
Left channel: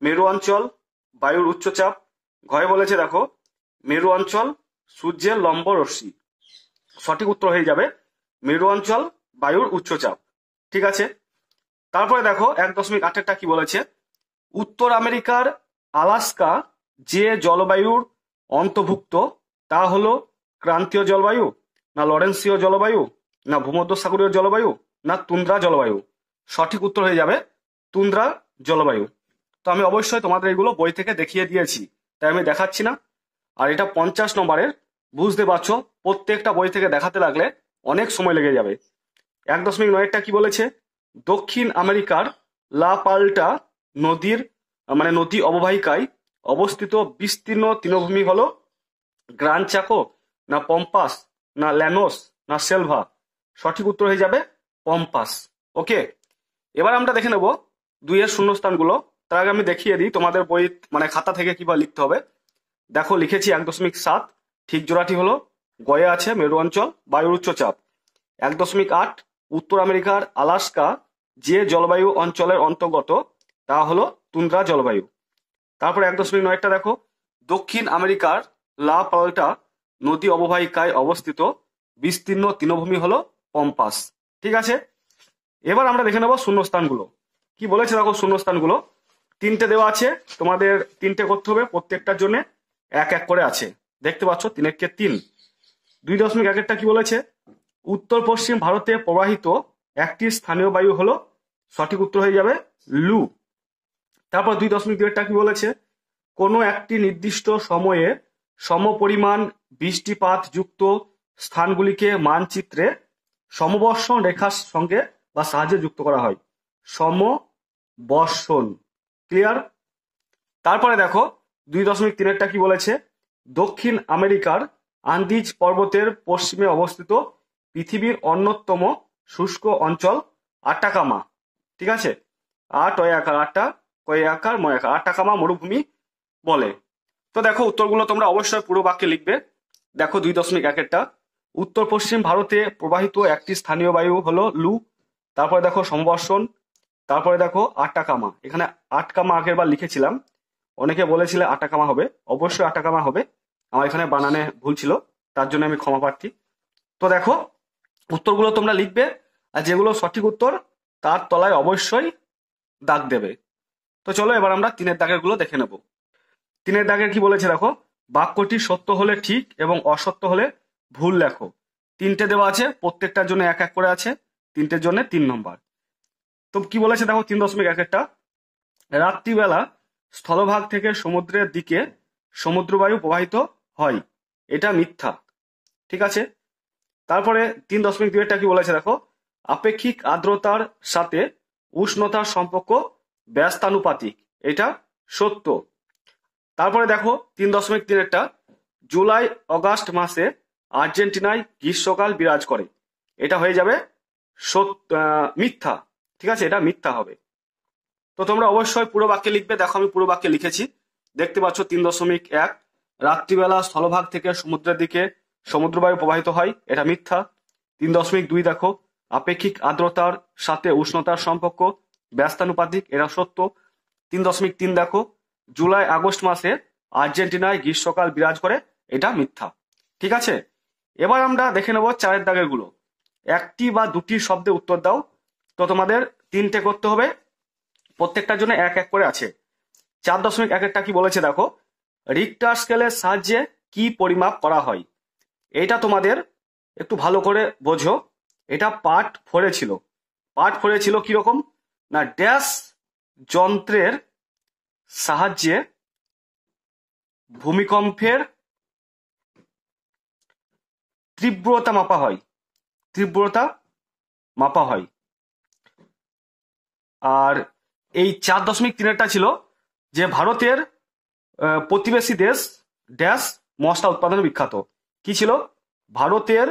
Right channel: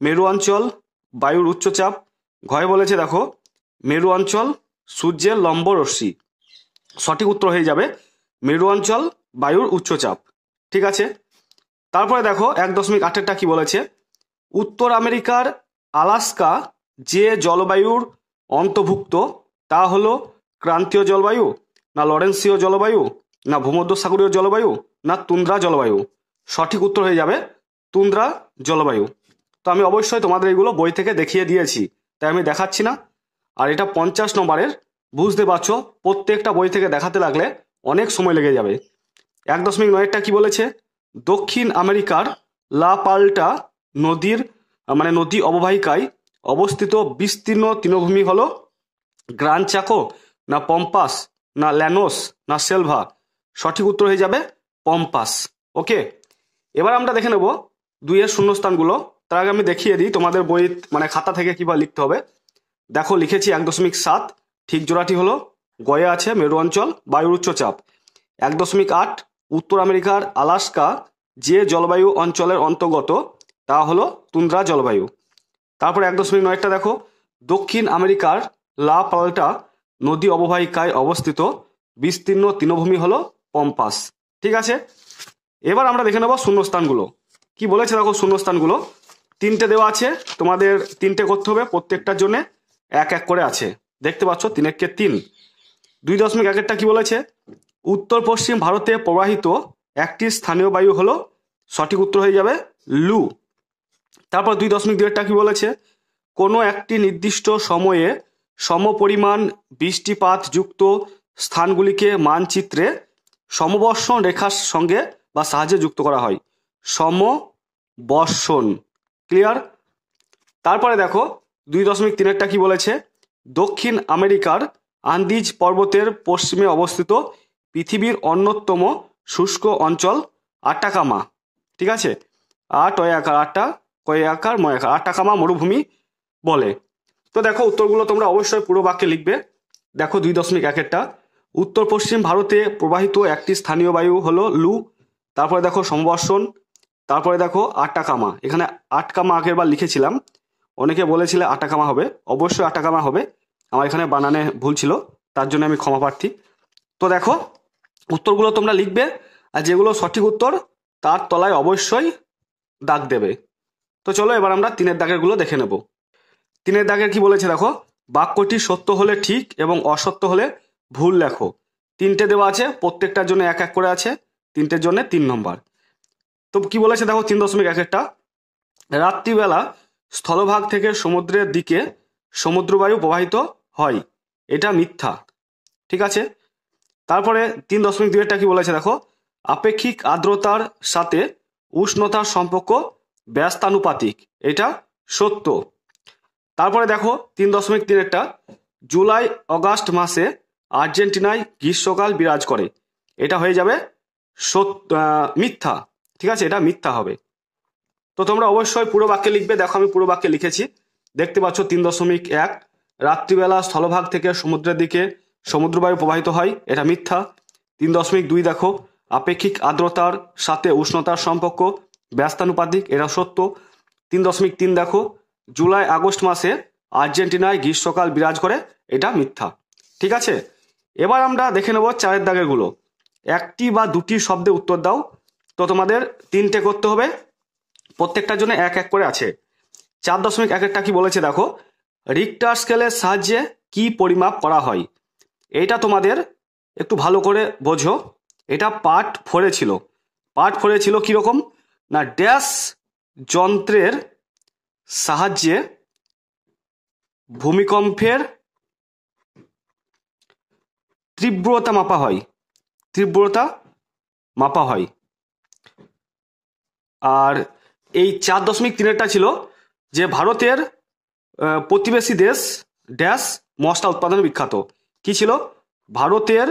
মেরু অঞ্চল বায়ুর উচ্চচাপ। ঘয়ে বলেছে দেখো মেরু অঞ্চল সূর্যের লম্ব রশ্মি। সঠিক উত্তর হয়ে যাবে মেরু অঞ্চল বায়ুর উচ্চচাপ। ঠিক আছে, তারপরে দেখো 1.8 কি বলেছে, উত্তর আমেরিকার আলাস্কা যে জলবায়ুর অন্তর্ভুক্ত তা হলো ক্রান্তীয় জলবায়ু, না লরেন্সীয় জলবায়ু, না ভূমধ্যসাগরীয় জলবায়ু, না তুন্দ্রা জলবায়ু। সঠিক উত্তর হয়ে যাবে তুন্দ্রা জলবায়ু। তো আমি অবশ্যই তোমাদের এগুলো বই থেকে দেখিয়ে দিয়েছি, তাই আমি দেখাচ্ছি না। আর এটা 50 নম্বরের, বুঝতে পারছো প্রত্যেকটা বই থেকে দেখাতে লাগলে অনেক সময় লেগে যাবে। 1.9 কি বলেছে, দক্ষিণ আমেরিকার লা পাল্টা নদী অববাহিকায় অবস্থিত বিস্তীর্ণ তৃণভূমি হলো গ্রান্ড চাকো, না পম্পাস, না ল্যানোস, না সেলভা। সঠিক উত্তর হয়ে যাবে পম্পাস। ওকে, এবার আমরা দেখে নেব 2-এর শূন্যস্থানগুলো। তার আগে আমি দেখিয়ে দিই তোমাদের বই মানে খাতা থেকে কিভাবে লিখতে হবে। দেখো লিখেছি 1.7, ঠিক জোড়াটি হলো গয়ে আছে মেরু অঞ্চল, বায়ুর উচ্চচাপ। 1.8 উত্তর আমেরিকার আলাস্কা যে জলবায়ু অঞ্চলের অন্তর্গত তা হলো তুন্দ্রা জলবায়ু। তারপরে 1.9টা দেখো দক্ষিণ আমেরিকার লা পাল্টা নদী অববাহিকায় অবস্থিত বিস্তীর্ণ তৃণভূমি হলো পম্পাস। ঠিক আছে, এবার আমরা দেখে নেব শূন্যস্থানগুলো। কি বলেছে দেখো শূন্যস্থানগুলো 3টে দেওয়া আছে, তোমাদের 3টে করতে হবে, প্রত্যেকটার জন্য 1-1 করে আছে। দেখতে পাচ্ছ 3-1-3। 2.1টা কি বলেছে, উত্তর পশ্চিম ভারতে প্রবাহিত একটি স্থানীয় বায়ু হলো, সঠিক উত্তর হয়ে যাবে লু। তারপর 2.2টা কি বলেছে, কোনো একটি নির্দিষ্ট সময়ে সমপরিমাণ বৃষ্টিপাত যুক্ত স্থানগুলিকে মানচিত্রে সমবর্ষণ রেখার সঙ্গে বা সাহায্যে যুক্ত করা হয়, সমবর্ষণ। ক্লিয়ার? তারপরে দেখো 2.3টা কি বলেছে, দক্ষিণ আমেরিকার আন্দিজ পর্বতের পশ্চিমে অবস্থিত পৃথিবীর অন্যতম শুষ্ক অঞ্চল আটাকামা। ঠিক আছে, আটাকামা মরুভূমি বলে। তো দেখো উত্তরগুলো তোমরা অবশ্যই পুরো বাক্যে লিখবে। দেখো 2.1টা উত্তর পশ্চিম ভারতে প্রবাহিত একটি স্থানীয় বায়ু হলো লু। তারপরে দেখো সমবর্ষণ। তারপরে দেখো আটাকামা, এখানে আটকামা আগের বার লিখেছিলাম, অনেকে বলেছিলে আটাকামা হবে, অবশ্যই আটাকামা হবে, আমার এখানে বানানে ভুল ছিল, তার জন্য আমি ক্ষমা প্রার্থী। তো দেখো উত্তরগুলো তোমরা লিখবে, আর যেগুলো সঠিক উত্তর তার তলায় অবশ্যই দাগ দেবে। তো চলো এবার আমরা 3-এর দাগের গুলো দেখে নেব। 3-এর দাগের কি বলেছে দেখো, বাক্যটি সত্য হলে ঠিক এবং অসত্য হলে ভুল লেখো। 3টে দেওয়া আছে, প্রত্যেকটার জন্য 1-1 করে আছে, 3টের জন্য 3 নম্বর। তো কি বলেছে দেখো 3.1টা, রাত্রিবেলা স্থলভাগ থেকে সমুদ্রের দিকে সমুদ্রবায়ু প্রবাহিত হয়, এটা মিথ্যা। ঠিক আছে, তারপরে 3.2টা কি বলেছে দেখো, আপেক্ষিক আর্দ্রতার সাথে উষ্ণতার সম্পর্ক ব্যস্তানুপাতিক, এটা সত্য। তারপরে দেখো 3.3টা, জুলাই অগাস্ট মাসে আর্জেন্টিনায় গ্রীষ্মকাল বিরাজ করে, এটা হয়ে যাবে মিথ্যা। ঠিক আছে, এটা মিথ্যা হবে। তো তোমরা অবশ্যই পুরো বাক্যে লিখবে। দেখো আমি পুরো বাক্যে লিখেছি, দেখতে পাচ্ছ 3.1, রাত্রিবেলা স্থলভাগ থেকে সমুদ্রের দিকে সমুদ্রবায়ু প্রবাহিত হয়, এটা মিথ্যা। 3.2 দেখো, আপেক্ষিক আর্দ্রতার সাথে উষ্ণতার সম্পর্ক ব্যস্তানুপাতিক, এটা সত্য। 3.3 দেখো, জুলাই আগস্ট মাসে আর্জেন্টিনায় গ্রীষ্মকাল বিরাজ করে, এটা মিথ্যা। ঠিক আছে, এবার আমরা দেখে নেব 4-এর দাগের গুলো। একটি বা দুটি শব্দে উত্তর দাও। তো তোমাদের 3টে করতে হবে, প্রত্যেকটার জন্য 1-1 করে আছে। 4.1টা কি বলেছে দেখো, রিক্টার স্কেলের সাহায্যে কি পরিমাপ করা হয়, এটা তোমাদের একটু ভালো করে বোঝো। এটা পার্ট 4-এ ছিল। পার্ট 4-এ ছিল কিরকম না, ড্যাশ যন্ত্রের সাহায্যে ভূমিকম্পের তীব্রতা মাপা হয়, তীব্রতা মাপা হয়। আর এই 4.3টা ছিল যে ভারতের প্রতিবেশী দেশ ড্যাশ মশলা উৎপাদনে বিখ্যাত। কি ছিল, ভারতের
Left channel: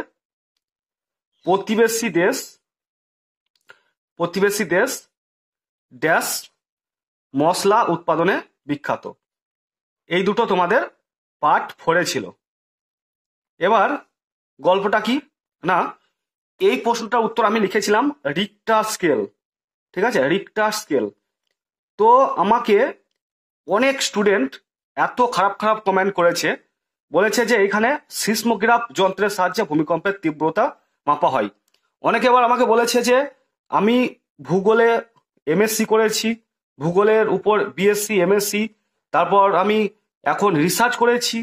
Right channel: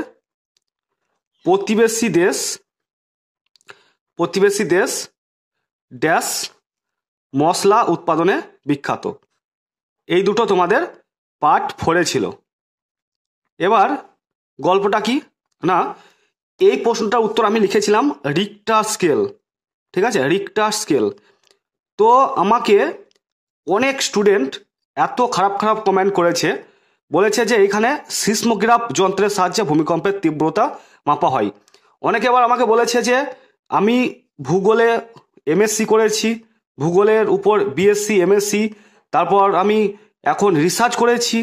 প্রতিবেশী দেশ ড্যাশ মশলা উৎপাদনে বিখ্যাত। এই দুটো তোমাদের পার্ট 4-এ ছিল। এবার গল্পটা কি না, এই প্রশ্নটার উত্তর আমি লিখেছিলাম রিক্টার স্কেল। ঠিক আছে, রিক্টার স্কেল। তো আমাকে অনেক স্টুডেন্ট এত খারাপ খারাপ কমেন্ট করেছে, বলেছে যে এখানে সিসমোগ্রাফ যন্ত্রের সাহায্যে ভূমিকম্পের তীব্রতা মাপা হয়। অনেকে আবার আমাকে বলেছে যে আমি ভূগোলে এমএসসি করেছি, ভূগোলের উপর বিএসসি এমএসসি, তারপর আমি এখন রিসার্চ করেছি,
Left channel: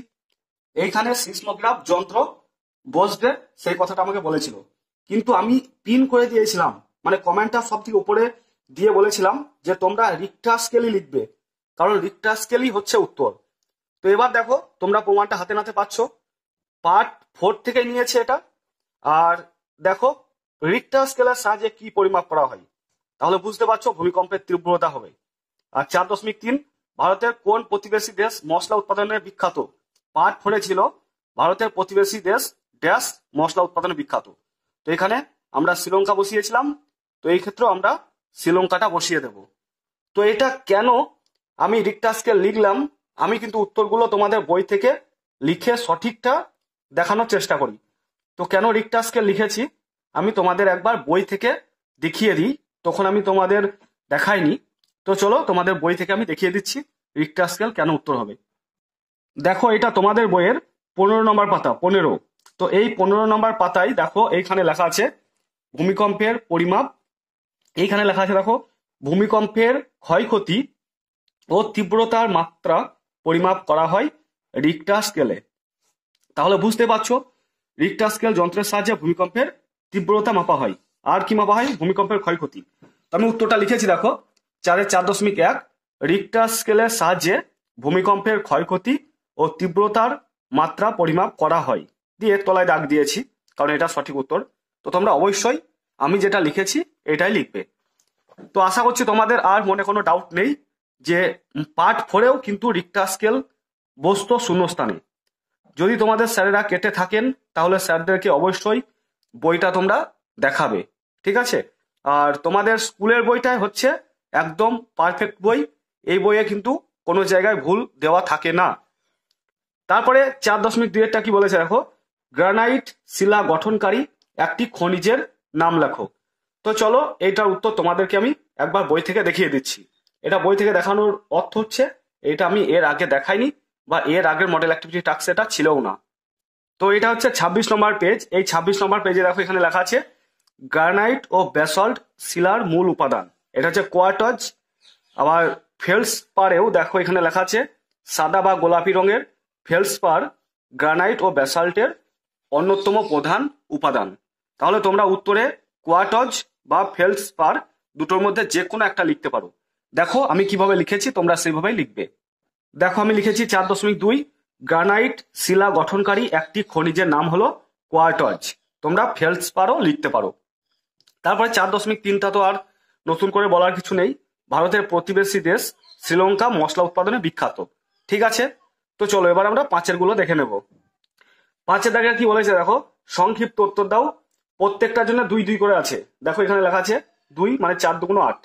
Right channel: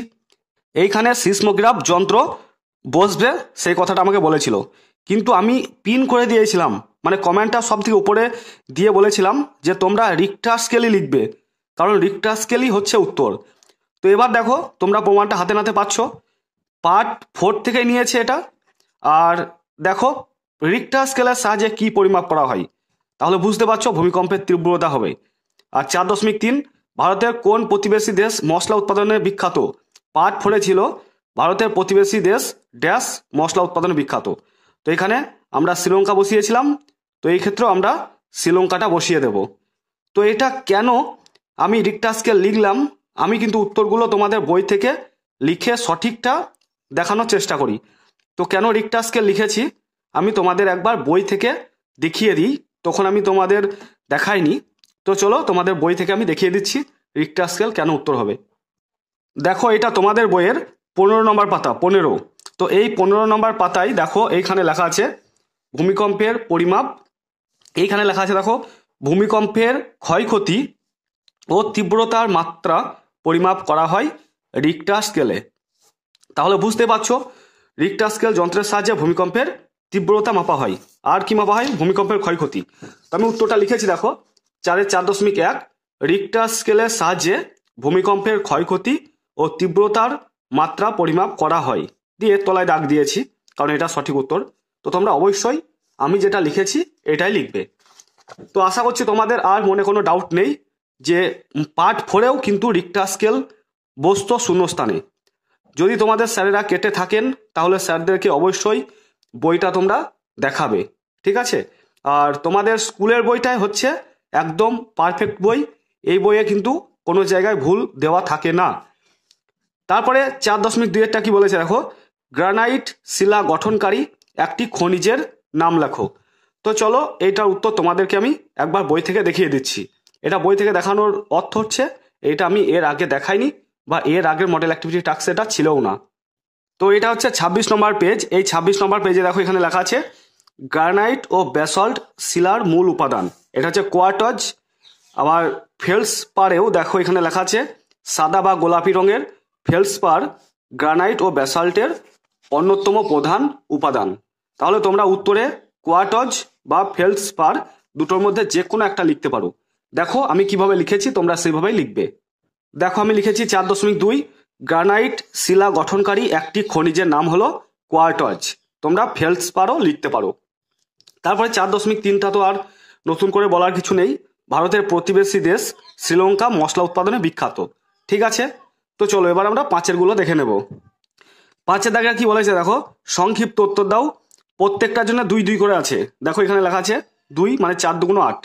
এইখানে সিসমোগ্রাফ যন্ত্র বসবে, সেই কথাটা আমাকে বলেছিল। কিন্তু আমি পিন করে দিয়েছিলাম, মানে কমেন্টটা সব থেকে উপরে দিয়ে বলেছিলাম যে তোমরা রিক্টার স্কেলই লিখবে, কারণ রিক্টার স্কেলই হচ্ছে উত্তর। তো এবার দেখো তোমরা প্রমাণটা হাতে নাতে পাচ্ছ, পার্ট 4 থেকে নিয়েছে এটা। আর দেখো রিক্টার স্কেলের সাহায্যে কি পরিমাপ করা হয়, তাহলে বুঝতে পারছো ভূমিকম্পের তীব্রতা হবে। আর 4.3, ভারতের কোন প্রতিবেশী দেশ মশলা উৎপাদনে বিখ্যাত, পার্ট 4-এ ছিল ভারতের প্রতিবেশী দেশ ড্যাশ মশলা উৎপাদনে বিখ্যাত। তো এখানে আমরা শ্রীলঙ্কা বসিয়েছিলাম, তো এই ক্ষেত্রেও আমরা শ্রীলঙ্কাটা বসিয়ে দেব। তো এটা কেন আমি রিক্টার স্কেল লিখলাম, আমি কিন্তু উত্তরগুলো তোমাদের বই থেকে লিখে সঠিকটা দেখানোর চেষ্টা করি। তো কেন রিক্টার স্কেল লিখেছি আমি তোমাদের একবার বই থেকে দেখিয়ে দিই, তখন আমি তোমাদের দেখাইনি। তো চলো তোমাদের বই থেকে আমি দেখিয়ে দিচ্ছি রিক্টার স্কেল কেন উত্তর হবে। দেখো এটা তোমাদের বইয়ের 15 নম্বর পাতা, 15। তো এই 15 নম্বর পাতায় দেখো এইখানে লেখা আছে ভূমিকম্পের পরিমাপ। এইখানে লেখা আছে দেখো ভূমিকম্পের ক্ষয়ক্ষতি ও তীব্রতার মাত্রা পরিমাপ করা হয় রিক্টার স্কেলে। তাহলে বুঝতে পারছো রিক্টার স্কেল যন্ত্রের সাহায্যে ভূমিকম্পের তীব্রতা মাপা হয়। আর কি মাপা হয়? ভূমিকম্পের ক্ষয়ক্ষতি। তো আমি উত্তরটা লিখেছি দেখো 4.4.1 রিক্টার স্কেলের সাহায্যে ভূমিকম্পের ক্ষয়ক্ষতি ও তীব্রতার মাত্রা পরিমাপ করা হয়, দিয়ে তলায় দাগ দিয়েছি কারণ এটা সঠিক উত্তর। তো তোমরা অবশ্যই আমি যেটা লিখেছি এটাই লিখবে। তো আশা করছি তোমাদের আর মনে কোনো ডাউট নেই যে পার্ট 4এও কিন্তু রিক্টার স্কেল বসতো শূন্যস্থানে। যদি তোমাদের স্যারেরা কেটে থাকেন তাহলে স্যারদেরকে অবশ্যই বইটা তোমরা দেখাবে, ঠিক আছে? আর তোমাদের স্কুলের বইটাই হচ্ছে একদম পারফেক্ট বই, এই বইয়ে কিন্তু কোনো জায়গায় ভুল দেওয়া থাকে না। তারপরে 4.2-এরটা কি বলেছে দেখো, গ্রানাইট শিলা গঠনকারী একটি খনিজের নাম লেখো। তো চলো এইটার উত্তর তোমাদেরকে আমি একবার বই থেকে দেখিয়ে দিচ্ছি। এটা বই থেকে দেখানোর অর্থ হচ্ছে এটা আমি এর আগে দেখাইনি বা এর আগের মডেল অ্যাক্টিভিটি টাস্ক এটা ছিলও না। তো এটা হচ্ছে 26 নম্বর পেজ। এই 26 নম্বর পেজে দেখো এখানে লেখা আছে গ্রানাইট ও ব্যাসল্ট শিলার মূল উপাদান, এটা হচ্ছে কোয়ার্টজ। আবার ফেলসপারেও দেখো এখানে লেখা আছে সাদা বা গোলাপি রঙের ফেলসপার গ্রানাইট ও ব্যাসাল্টের অন্যতম প্রধান উপাদান। তাহলে তোমরা উত্তরে কোয়ার্টজ বা ফেলসপার দুটোর মধ্যে যে কোনো একটা লিখতে পারো। দেখো আমি কিভাবে লিখেছি, তোমরা সেইভাবেই লিখবে। দেখো আমি লিখেছি 4.2 গ্রানাইট শিলা গঠনকারী একটি খনিজের নাম হলো কোয়ার্টজ, তোমরা ফেলসপারও লিখতে পারো। তারপরে 4.3টা তো আর নতুন করে বলার কিছু নেই, ভারতের প্রতিবেশী দেশ শ্রীলঙ্কা মশলা উৎপাদনে বিখ্যাত, ঠিক আছে? তো চলো এবার আমরা 5-এর গুলো দেখে নেব। 5-এর দাগে কি বলেছে দেখো, সংক্ষিপ্ত উত্তর দাও। প্রত্যেকটার জন্য 2-2 করে আছে। দেখো এখানে লেখা আছে 2 মানে 4 2 8,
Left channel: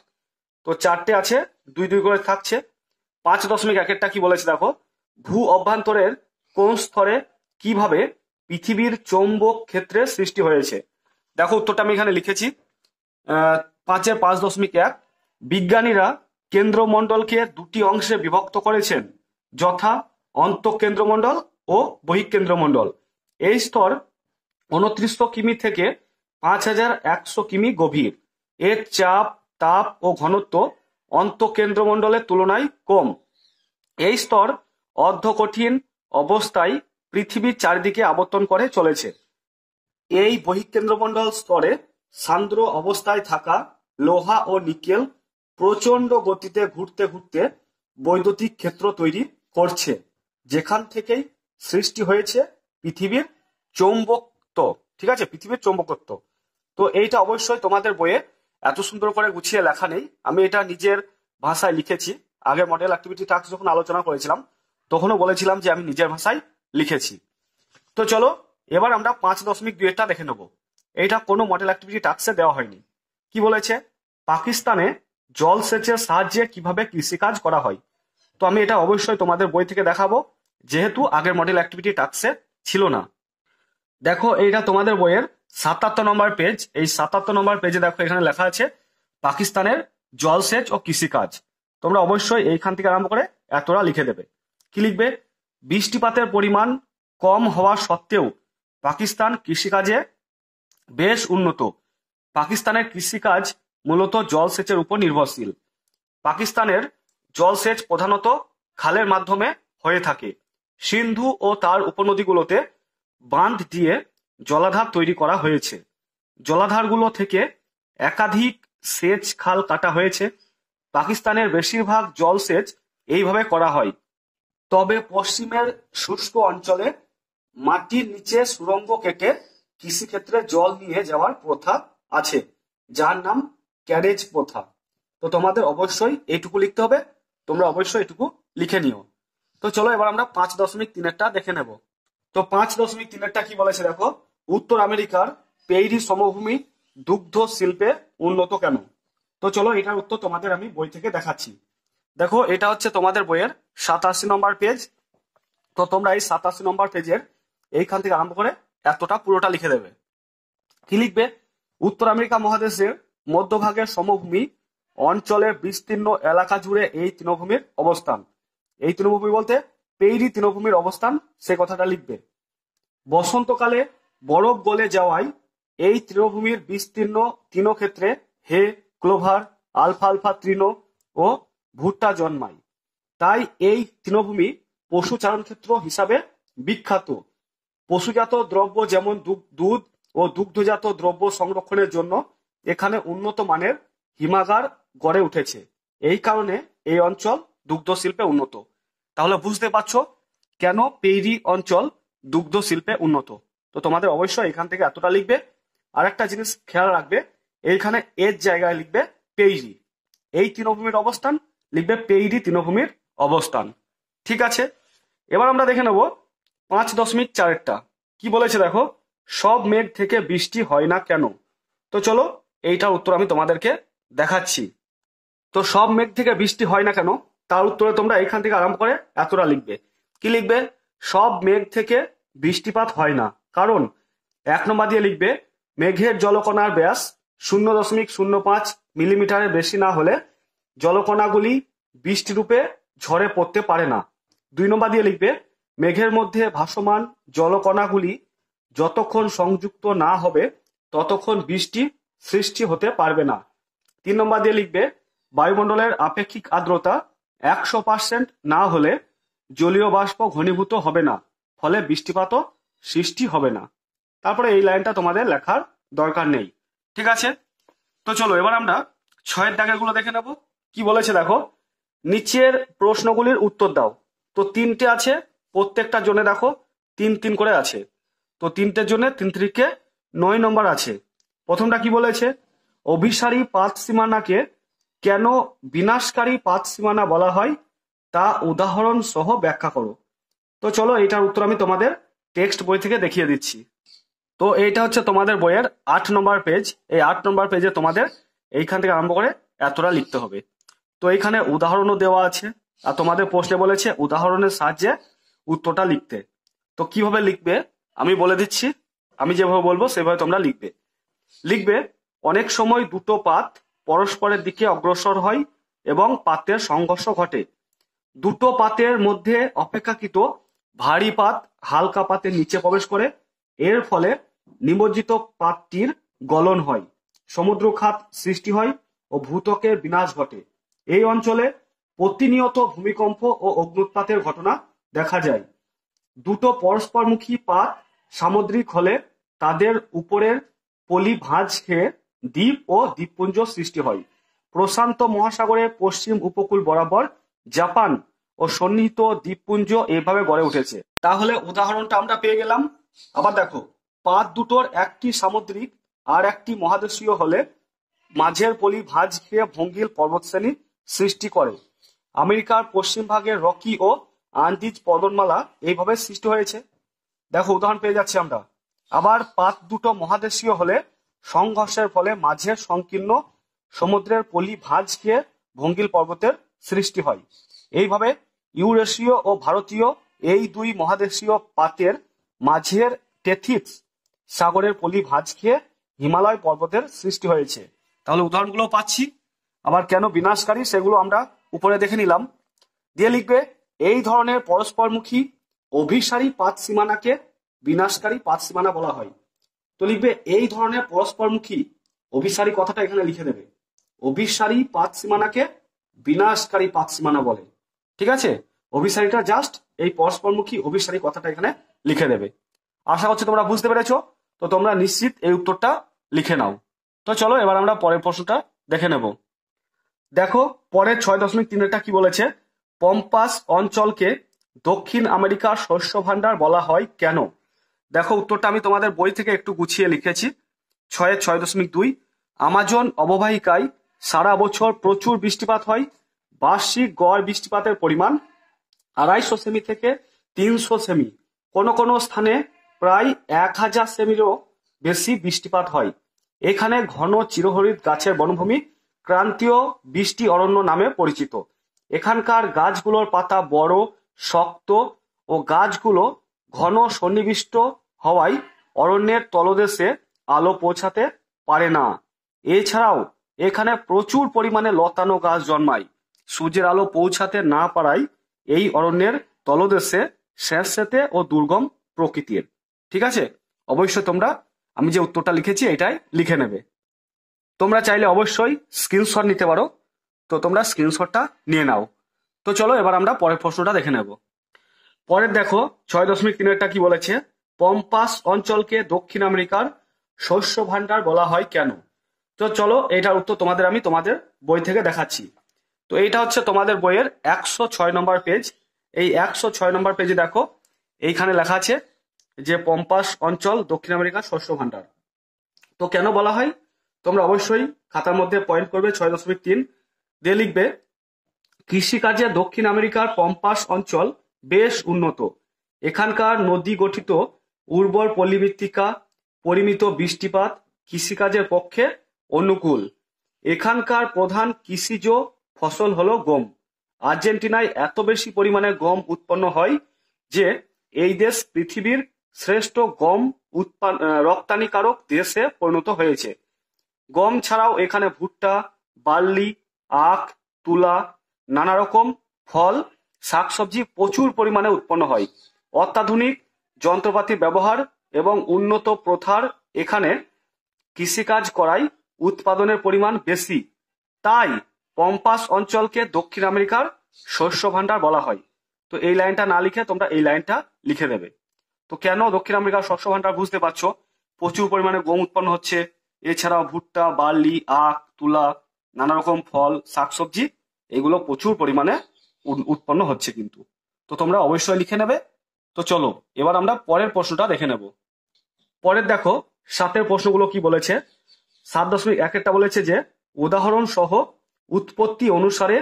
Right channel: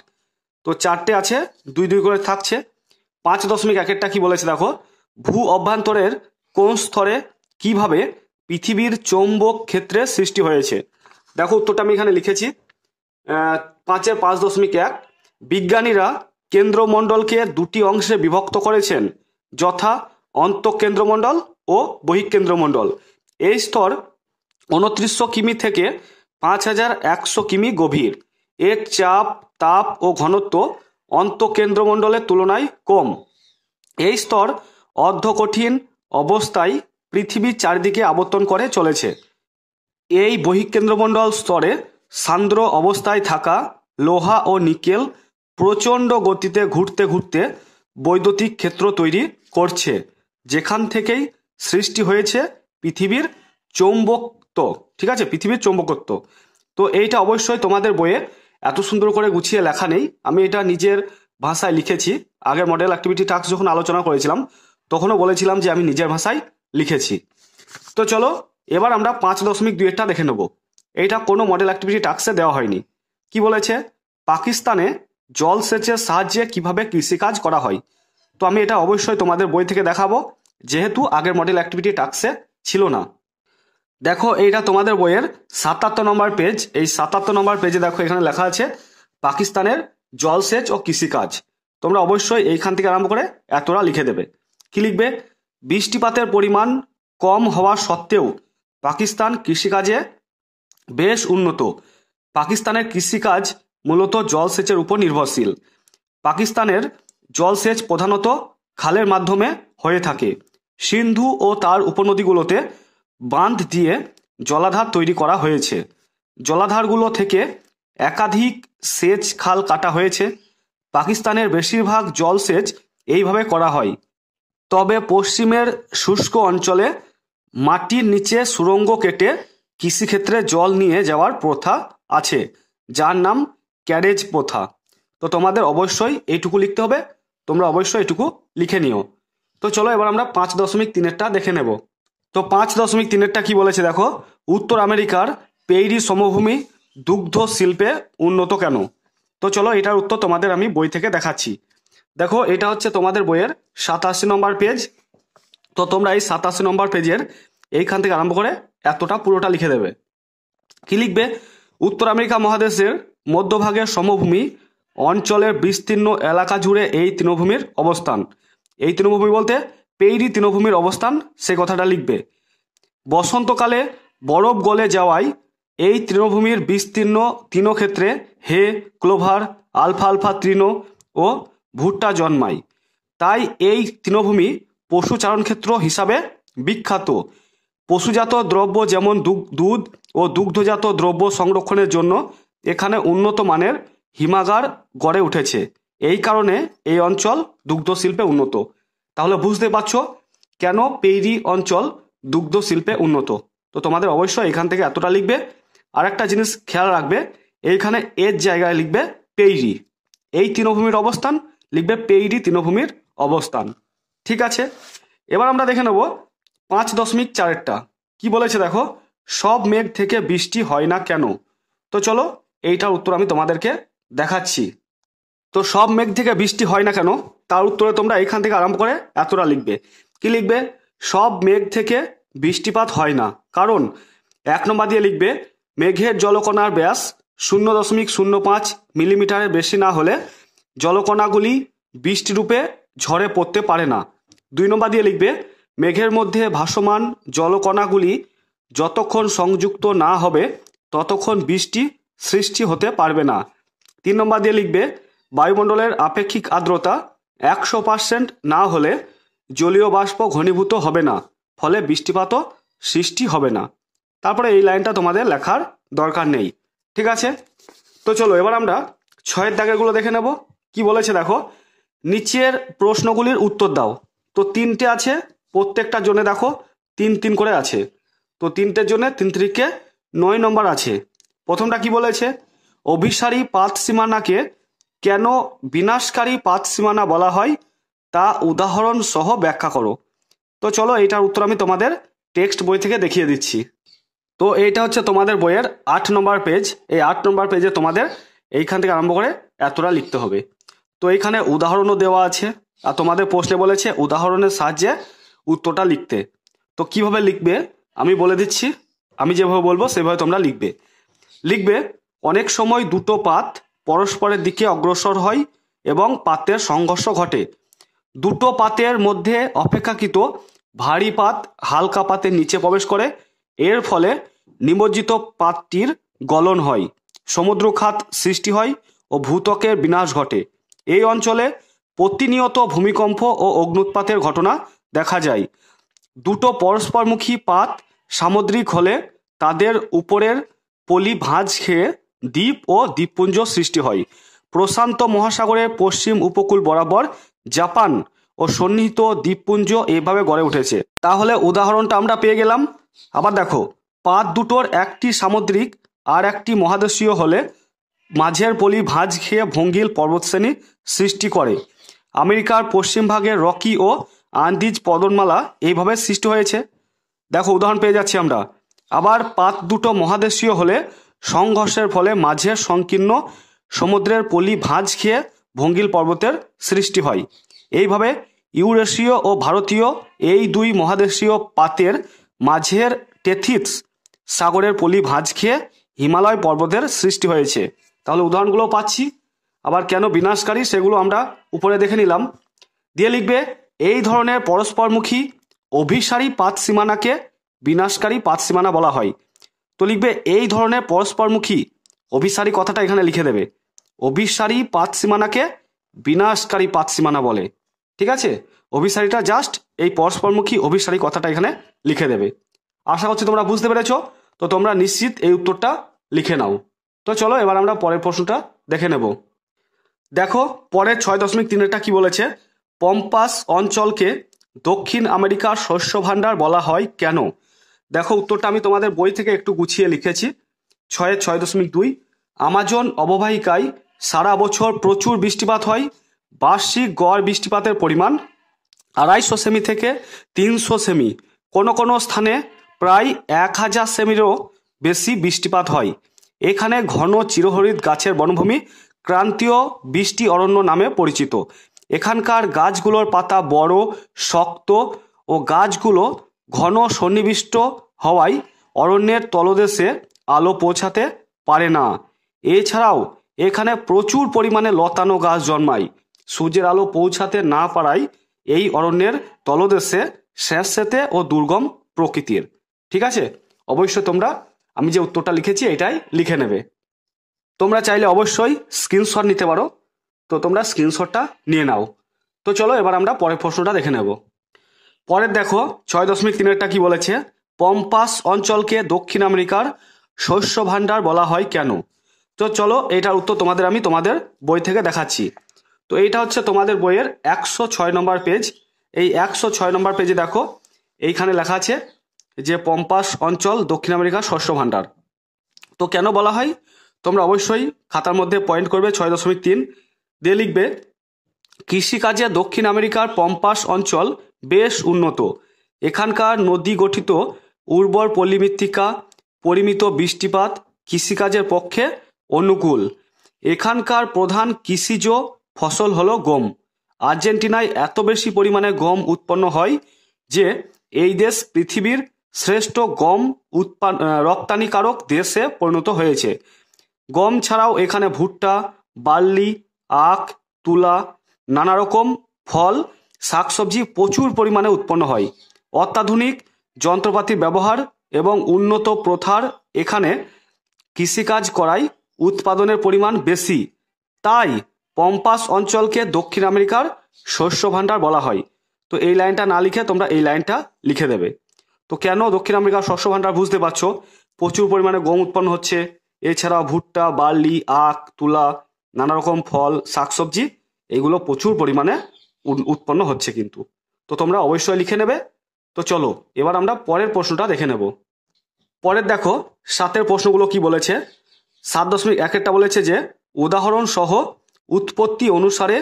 তো 4টে আছে 2-2 করে থাকছে। 5.1-এরটা কি বলেছে দেখো, ভূ অভ্যন্তরের কোন স্তরে কিভাবে পৃথিবীর চৌম্বক ক্ষেত্রের সৃষ্টি হয়েছে। দেখো উত্তরটা আমি এখানে লিখেছি 5-এর 5.1 বিজ্ঞানীরা কেন্দ্রমণ্ডলকে দুটি অংশে বিভক্ত করেছেন, যথা অন্তঃকেন্দ্রমণ্ডল ও বহিঃকেন্দ্রমণ্ডল। এই স্তর 2900 কিমি থেকে 5100 কিমি গভীর। এর চাপ, তাপ ও ঘনত্ব অন্তঃকেন্দ্রমণ্ডলের তুলনায় কম। এই স্তর অর্ধকঠিন অবস্থায় পৃথিবীর চারিদিকে আবর্তন করে চলেছে। এই বহিঃকেন্দ্রমণ্ডল স্তরে সান্দ্র অবস্থায় থাকা লোহা ও নিকেল প্রচণ্ড গতিতে ঘুরতে ঘুরতে বৈদ্যুতিক ক্ষেত্র তৈরি করছে, যেখান থেকেই সৃষ্টি হয়েছে পৃথিবীর চৌম্বকত্ব, ঠিক আছে? পৃথিবীর চৌম্বকত্ব। তো এইটা অবশ্যই তোমাদের বইয়ে এত সুন্দর করে গুছিয়ে লেখা নেই, আমি এটা নিজের ভাষায় লিখেছি। আগে মডেল অ্যাক্টিভিটি টাস্ক যখন আলোচনা করেছিলাম তখনও বলেছিলাম যে আমি নিজের ভাষায় লিখেছি। তো চলো এবার আমরা 5.2-টা দেখে নেব। এইটা কোনো মডেল অ্যাক্টিভিটি টাস্কে দেওয়া হয়নি। কি বলেছে, পাকিস্তানে জলসেচের সাহায্যে কিভাবে কৃষিকাজ করা হয়। তো আমি এটা অবশ্যই তোমাদের বই থেকে দেখাবো, যেহেতু আগের মডেল অ্যাক্টিভিটি টাস্কে ছিল না। দেখো এইটা তোমাদের বইয়ের 77 নম্বর পেজ। এই 77 নম্বর পেজে দেখো এখানে লেখা আছে পাকিস্তানের জলসেচ ও কৃষিকাজ। তোমরা অবশ্যই এইখান থেকে আরম্ভ করে এতটা লিখে দেবে। কি লিখবে, বৃষ্টিপাতের পরিমাণ কম হওয়া সত্ত্বেও পাকিস্তান কৃষিকাজে বেশ উন্নত। পাকিস্তানের কৃষিকাজ মূলত জলসেচের উপর নির্ভরশীল। পাকিস্তানের জলসেচ প্রধানত খালের মাধ্যমে হয়ে থাকে। সিন্ধু ও তার উপনদীগুলোতে বাঁধ দিয়ে জলাধার তৈরি করা হয়েছে। জলাধারগুলো থেকে একাধিক সেচ খাল কাটা হয়েছে। পাকিস্তানের বেশিরভাগ জলসেচ এইভাবে করা হয়। তবে পশ্চিমের শুষ্ক অঞ্চলে মাটির নিচে সুড়ঙ্গ কেটে কৃষিক্ষেত্রে জল নিয়ে যাওয়ার প্রথা আছে, যার নাম ক্যারেজ প্রথা। তো তোমাদের অবশ্যই এইটুকু লিখতে হবে, তোমরা অবশ্যই এটুকু লিখে নিও। তো চলো এবার আমরা 5.3-টা দেখে নেব। তো 5.3-টা কি বলেছে দেখো, উত্তর আমেরিকার পেইরি সমভূমি দুগ্ধ শিল্পে উন্নত কেন। তো চলো এটার উত্তর তোমাদের আমি বই থেকে দেখাচ্ছি। দেখো এটা হচ্ছে তোমাদের বইয়ের 87 নম্বর পেজ। তো তোমরা এই 87 নম্বর পেজের এইখান থেকে আরম্ভ করে এতটা পুরোটা লিখে দেবে। কি লিখবে? উত্তর আমেরিকা মহাদেশের মধ্যভাগের সমভূমি অঞ্চলের বিস্তীর্ণ এলাকা জুড়ে এই তৃণভূমির অবস্থান। এই তৃণভূমি বলতে পেইরি তৃণভূমির অবস্থান, সে কথাটা লিখবে। বসন্তকালে বরফ গলে যাওয়ায় এই তৃণভূমির বিস্তীর্ণ তৃণক্ষেত্রে হে, ক্লোভার, আলফালফা তৃণ ও ভুট্টা জন্মায়। তাই এই তৃণভূমি পশুচারণক্ষেত্র হিসাবে বিখ্যাত। পশুজাত দ্রব্য যেমন দুধ ও দুগ্ধজাত দ্রব্য সংরক্ষণের জন্য এখানে উন্নত মানের হিমাগার গড়ে উঠেছে। এই কারণে এই অঞ্চল দুগ্ধ শিল্পে উন্নত। তাহলে বুঝতে পারছো কেন পেইরি অঞ্চল দুগ্ধ শিল্পে উন্নত। তো তোমাদের অবশ্যই এখান থেকে এতটা লিখবে। আর একটা জিনিস খেয়াল রাখবে, এইখানে এর জায়গায় লিখবে পেইরি। এই তৃণভূমির অবস্থান লিখবে পেইরি তৃণভূমির অবস্থান। ঠিক আছে, এবার আমরা দেখে নেব 5.4টা কি বলেছে। দেখো, সব মেঘ থেকে বৃষ্টি হয় না কেন? তো চলো এইটার উত্তর আমি তোমাদেরকে দেখাচ্ছি। তো সব মেঘ থেকে বৃষ্টি হয় না কেন, তার উত্তরে তোমরা এখান থেকে আরম্ভ করে এতটা লিখবে। কি লিখবে? সব মেঘ থেকে বৃষ্টিপাত হয় না কারণ 1 নম্বর দিয়ে লিখবে মেঘের জলকণার ব্যাস 0.05 মিলিমিটারের বেশি না হলে জলকণাগুলি বৃষ্টিরূপে ঝরে পড়তে পারে না। 2 নম্বর দিয়ে লিখবে মেঘের মধ্যে ভাসমান জলকণাগুলি যতক্ষণ সংযুক্ত না হবে ততক্ষণ বৃষ্টি সৃষ্টি হতে পারবে না। 3 নম্বর দিয়ে লিখবে বায়ুমণ্ডলের আপেক্ষিক আর্দ্রতা 100% না হলে জলীয় বাষ্প ঘনীভূত হবে না, ফলে বৃষ্টিপাতও সৃষ্টি হবে না। তারপরে এই লাইনটা তোমাদের লেখার দরকার নেই। ঠিক আছে, তো চলো এবার আমরা 6 দাগেরগুলো দেখে নেব। কি বলেছে দেখো, নিচের প্রশ্নগুলির উত্তর দাও। তো 3টে আছে, প্রত্যেকটার জন্য দেখো 3 করে আছে। তো 3টের জন্য 3 3 9 নম্বর আছে। প্রথমটা কি বলেছে, অভিসারী পাত সীমানাকে কেন বিনাশকারী পাত সীমানা বলা হয় তা উদাহরণ সহ ব্যাখ্যা করো। তো চলো এইটার উত্তর আমি তোমাদের টেক্সট বই থেকে দেখিয়ে দিচ্ছি। তো এইটা হচ্ছে তোমাদের বইয়ের 8 নম্বর পেজ। এই 8 নম্বর পেজে তোমাদের এইখান থেকে আরম্ভ করে এতটা লিখতে হবে। তো এইখানে উদাহরণও দেওয়া আছে, আর তোমাদের প্রশ্নে বলেছে উদাহরণের সাহায্যে উত্তরটা লিখতে। তো কিভাবে লিখবে আমি বলে দিচ্ছি, আমি যেভাবে বলবো সেভাবে তোমরা লিখবে অনেক সময় দুটো পাত পরস্পরের দিকে অগ্রসর হয় এবং পাতের সংঘর্ষ ঘটে। দুটো পাতের মধ্যে অপেক্ষাকৃত ভারী পাত হালকা পাতের নিচে প্রবেশ করে, এর ফলে নিমজ্জিত পাতটির গলন হয়, সমুদ্রখাত সৃষ্টি হয় ও ভূত্বকের বিনাশ ঘটে। এই অঞ্চলে প্রতিনিয়ত ভূমিকম্প ও অগ্ন্যুৎপাতের ঘটনা দেখা যায়। দুটো পরস্পরমুখী পাত সামুদ্রিক হলে তাদের উপরের পলি ভাঁজ খেয়ে দ্বীপ ও দ্বীপপুঞ্জ সৃষ্টি হয়। প্রশান্ত মহাসাগরের পশ্চিম উপকূল বরাবর জাপান ও সন্নিহিত দ্বীপপুঞ্জ এইভাবে গড়ে উঠেছে। তাহলে উদাহরণটা আমরা পেয়ে গেলাম। আবার দেখো, পাত দুটোর একটি সামুদ্রিক আর একটি মহাদেশীয় হলে মাঝের পলি ভাঁজ খেয়ে ভঙ্গিল পর্বতশ্রেণী সৃষ্টি করে। আমেরিকার পশ্চিম ভাগে রকি ও আন্দিজ পর্বতমালা এইভাবে সৃষ্টি হয়েছে। দেখো উদাহরণ পেয়ে যাচ্ছি আমরা। আবার পাত দুটো মহাদেশীয় হলে সংঘর্ষের ফলে মাঝের সংকীর্ণ সমুদ্রের পলি ভাঁজ খেয়ে ভঙ্গিল পর্বতের সৃষ্টি হয়। এইভাবে ইউরেশীয় ও ভারতীয় এই দুই মহাদেশীয় পাতের মাঝের টেথিস সাগরের পলি ভাঁজ খেয়ে হিমালয় পর্বতের সৃষ্টি হয়েছে। তাহলে উদাহরণগুলো পাচ্ছি। আবার কেন বিনাশকারী সেগুলো আমরা উপরে দেখে নিলাম। দিয়ে লিখবে এই ধরনের পরস্পরমুখী অভিসারী পাত সীমানাকে বিনাশকারী পাত সীমানা বলা হয়। তো লিখবে এই ধরনের পরস্পরমুখী, অভিসারী কথাটা এখানে লিখে দেবে। অভিসারী পাত সীমানাকে বিনাশকারী পাত সীমানা বলে। ঠিক আছে, অভিসারীটা জাস্ট এই পরস্পরমুখী অভিসারী কথাটা এখানে লিখে দেবে। আশা করছি তোমরা বুঝতে পেরেছ। তো তোমরা নিশ্চিত এই উত্তরটা লিখে নাও। তো চলো এবার আমরা পরের প্রশ্নটা দেখে নেব। দেখো পরের 6.3টা কি বলেছে, পম্পাস অঞ্চলকে দক্ষিণ আমেরিকার শস্য ভাণ্ডার বলা হয় কেন? দেখো উত্তরটা আমি তোমাদের বই থেকে একটু গুছিয়ে লিখেছি। 6.2 আমাজন অববাহিকায় সারা বছর প্রচুর বৃষ্টিপাত হয়। বার্ষিক গড় বৃষ্টিপাতের পরিমাণ 250 সেমি থেকে 300 সেমি, কোনো কোনো স্থানে প্রায় 1000 সেমিরও বেশি বৃষ্টিপাত হয়। এখানে ঘন চিরহরিৎ গাছের বনভূমি ক্রান্তীয় বৃষ্টি অরণ্য নামে পরিচিত। এখানকার গাছগুলোর পাতা বড়, শক্ত ও গাছগুলো ঘন সন্নিবিষ্ট হওয়ায় অরণ্যের তলদেশে আলো পৌঁছাতে পারে না। এছাড়াও এখানে প্রচুর পরিমাণে লতানো গাছ জন্মায়। সূর্যের আলো পৌঁছাতে না পারায় এই অরণ্যের তলদেশে স্যাঁতসেঁতে ও দুর্গম প্রকৃতির। ঠিক আছে, অবশ্যই তোমরা আমি যে উত্তরটা লিখেছি এটাই লিখে নেবে। তোমরা চাইলে অবশ্যই স্ক্রিনশট নিতে পারো, তো তোমরা স্ক্রিনশটটা নিয়ে নাও। তো চলো এবার আমরা পরের প্রশ্নটা দেখে নেব। পরের দেখো 6.3-এরটা কি বলেছে, পম্পাস অঞ্চলকে দক্ষিণ আমেরিকার শস্য ভাণ্ডার বলা হয় কেন? তো চলো এটার উত্তর আমি তোমাদের বই থেকে দেখাচ্ছি। তো এইটা হচ্ছে তোমাদের বইয়ের 106 নম্বর পেজ। এই 106 নম্বর পেজে দেখো এইখানে লেখা আছে যে পম্পাস অঞ্চল দক্ষিণ আমেরিকার শস্য ভাণ্ডার। তো কেন বলা হয় তোমরা অবশ্যই খাতার মধ্যে পয়েন্ট করবে 6.3 দিয়ে লিখবে, কৃষিকাজে দক্ষিণ আমেরিকার পম্পাস অঞ্চল বেশ উন্নত। এখানকার নদী গঠিত উর্বর পল্লীমৃত্তিকা, পরিমিত বৃষ্টিপাত কৃষিকাজের পক্ষে অনুকূল। এখানকার প্রধান কৃষিজ ফসল হলো গম। আর্জেন্টিনায় এত বেশি পরিমাণে গম উৎপন্ন হয় যে এই দেশ পৃথিবীর শ্রেষ্ঠ গম রপ্তানিকারক দেশে পরিণত হয়েছে। গম ছাড়াও এখানে ভুট্টা, বার্লি, আখ, তুলা, নানা রকম ফল, শাকসবজি প্রচুর পরিমাণে উৎপন্ন হয়। অত্যাধুনিক যন্ত্রপাতির ব্যবহার এবং উন্নত প্রথার এখানে কৃষিকাজ করায় উৎপাদনের পরিমাণ বেশি। তাই পম্পাস অঞ্চলকে দক্ষিণ আমেরিকার শস্য ভাণ্ডার বলা হয়। তো এই লাইনটা না লিখে তোমরা এই লাইনটা লিখে দেবে। তো কেন দক্ষিণ আমেরিকার শস্য ভাণ্ডার বুঝতে পারছো, প্রচুর পরিমাণে গম উৎপন্ন হচ্ছে, এছাড়াও ভুট্টা, বার্লি, আখ, তুলা, নানা রকম ফল, শাকসবজি এগুলো প্রচুর পরিমাণে উৎপন্ন হচ্ছে কিন্তু। তো তোমরা অবশ্যই লিখে নেবে। তো চলো এবার আমরা পরের প্রশ্নটা দেখে নেব। পরের দেখো 7-এর প্রশ্নগুলো কি বলেছে। 7.1-এরটা বলেছে যে উদাহরণ সহ উৎপত্তি অনুসারে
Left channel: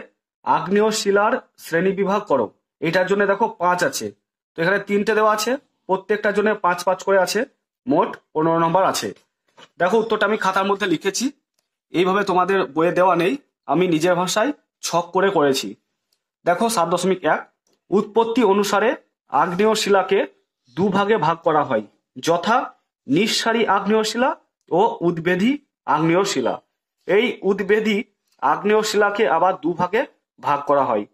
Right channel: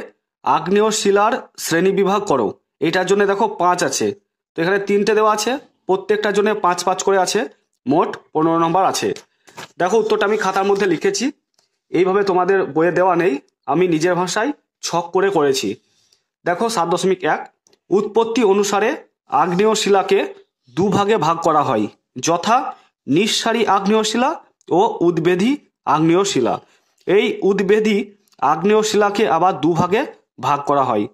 আগ্নেয় শিলার শ্রেণী বিভাগ করো। এটার জন্য দেখো 5 আছে, তো এখানে 3টে দেওয়া আছে, প্রত্যেকটার জন্য 5-5 করে আছে, মোট 15 নম্বর আছে। দেখো উত্তরটা আমি খাতার মধ্যে লিখেছি, এইভাবে তোমাদের বইয়ে দেওয়া নেই, আমি নিজের ভাষায় ছক করে করেছি। দেখো 7.1 উৎপত্তি অনুসারে আগ্নেয় শিলাকে দুভাগে ভাগ করা হয়, যথা নিঃসারী আগ্নেয় শিলা ও উদ্বেধী আগ্নেয় শিলা। এই উদ্বেধী আগ্নেয় শিলাকে আবার দুভাগে ভাগ করা হয়,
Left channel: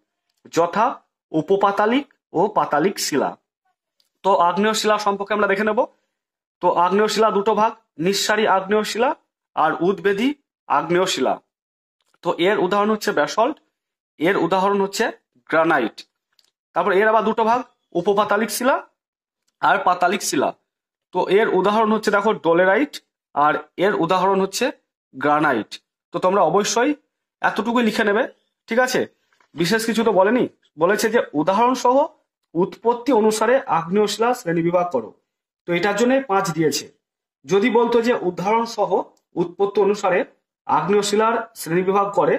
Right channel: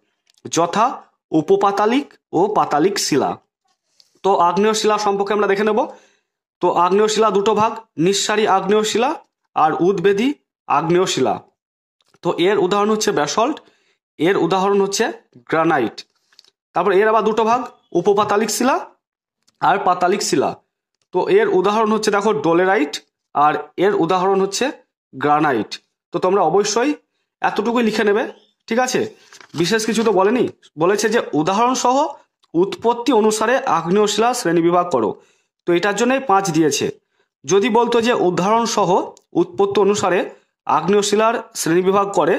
যথা উপপাতালিক ও পাতালিক শিলা। তো আগ্নেয় শিলা সম্পর্কে আমরা দেখে নেব। তো আগ্নেয় শিলা দুটো ভাগ, নিঃসারী আগ্নেয় শিলা আর উদ্বেধী আগ্নেয় শিলা। তো এর উদাহরণ হচ্ছে ব্যাসল্ট, এর উদাহরণ হচ্ছে গ্রানাইট। তারপর এর আবার দুটো ভাগ, উপপাতালিক শিলা আর পাতালিক শিলা। তো এর উদাহরণ হচ্ছে দেখো ডোলেরাইট, আর এর উদাহরণ হচ্ছে গ্রানাইট। তো তোমরা অবশ্যই এতটুকুই লিখে নেবে, ঠিক আছে, বিশেষ কিছু তো বলেনি, বলেছে যে উদাহরণ সহ উৎপত্তি অনুসারে আগ্নেয় শিলা শ্রেণী বিভাগ করো। তো এটার জন্য 5 দিয়েছে। যদি বলতো যে উদাহরণ সহ উৎপত্তি অনুসারে আগ্নেয় শিলার শ্রেণী বিভাগ করে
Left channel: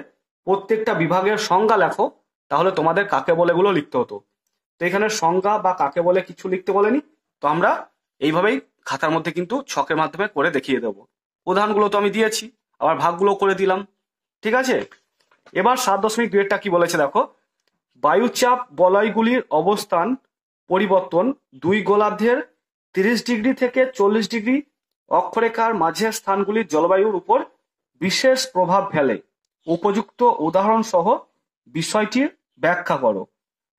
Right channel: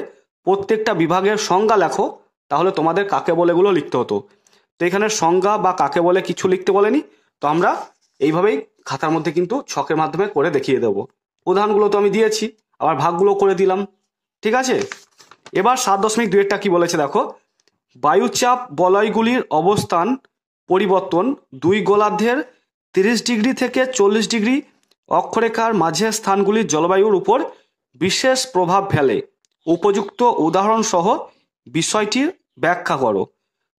প্রত্যেকটা বিভাগের সংজ্ঞা লেখো, তাহলে তোমাদের কাকে বলে গুলো লিখতে হতো। তো এখানে সংজ্ঞা বা কাকে বলে কিছু লিখতে বলেনি, তো আমরা এইভাবেই খাতার মধ্যে কিন্তু ছকের মাধ্যমে করে দেখিয়ে দেবো। উদাহরণগুলো তো আমি দিয়েছি, আবার ভাগগুলো করে দিলাম, ঠিক আছে। এবার 7.2-এরটা কি বলেছে দেখো, বায়ুচাপ বলয়গুলির অবস্থান পরিবর্তন দুই গোলার্ধের 30 ডিগ্রি থেকে 40 ডিগ্রি অক্ষরেখার মাঝে স্থানগুলির জলবায়ুর উপর বিশেষ প্রভাব ফেলে। উপযুক্ত উদাহরণ সহ বিষয়টির ব্যাখ্যা করো।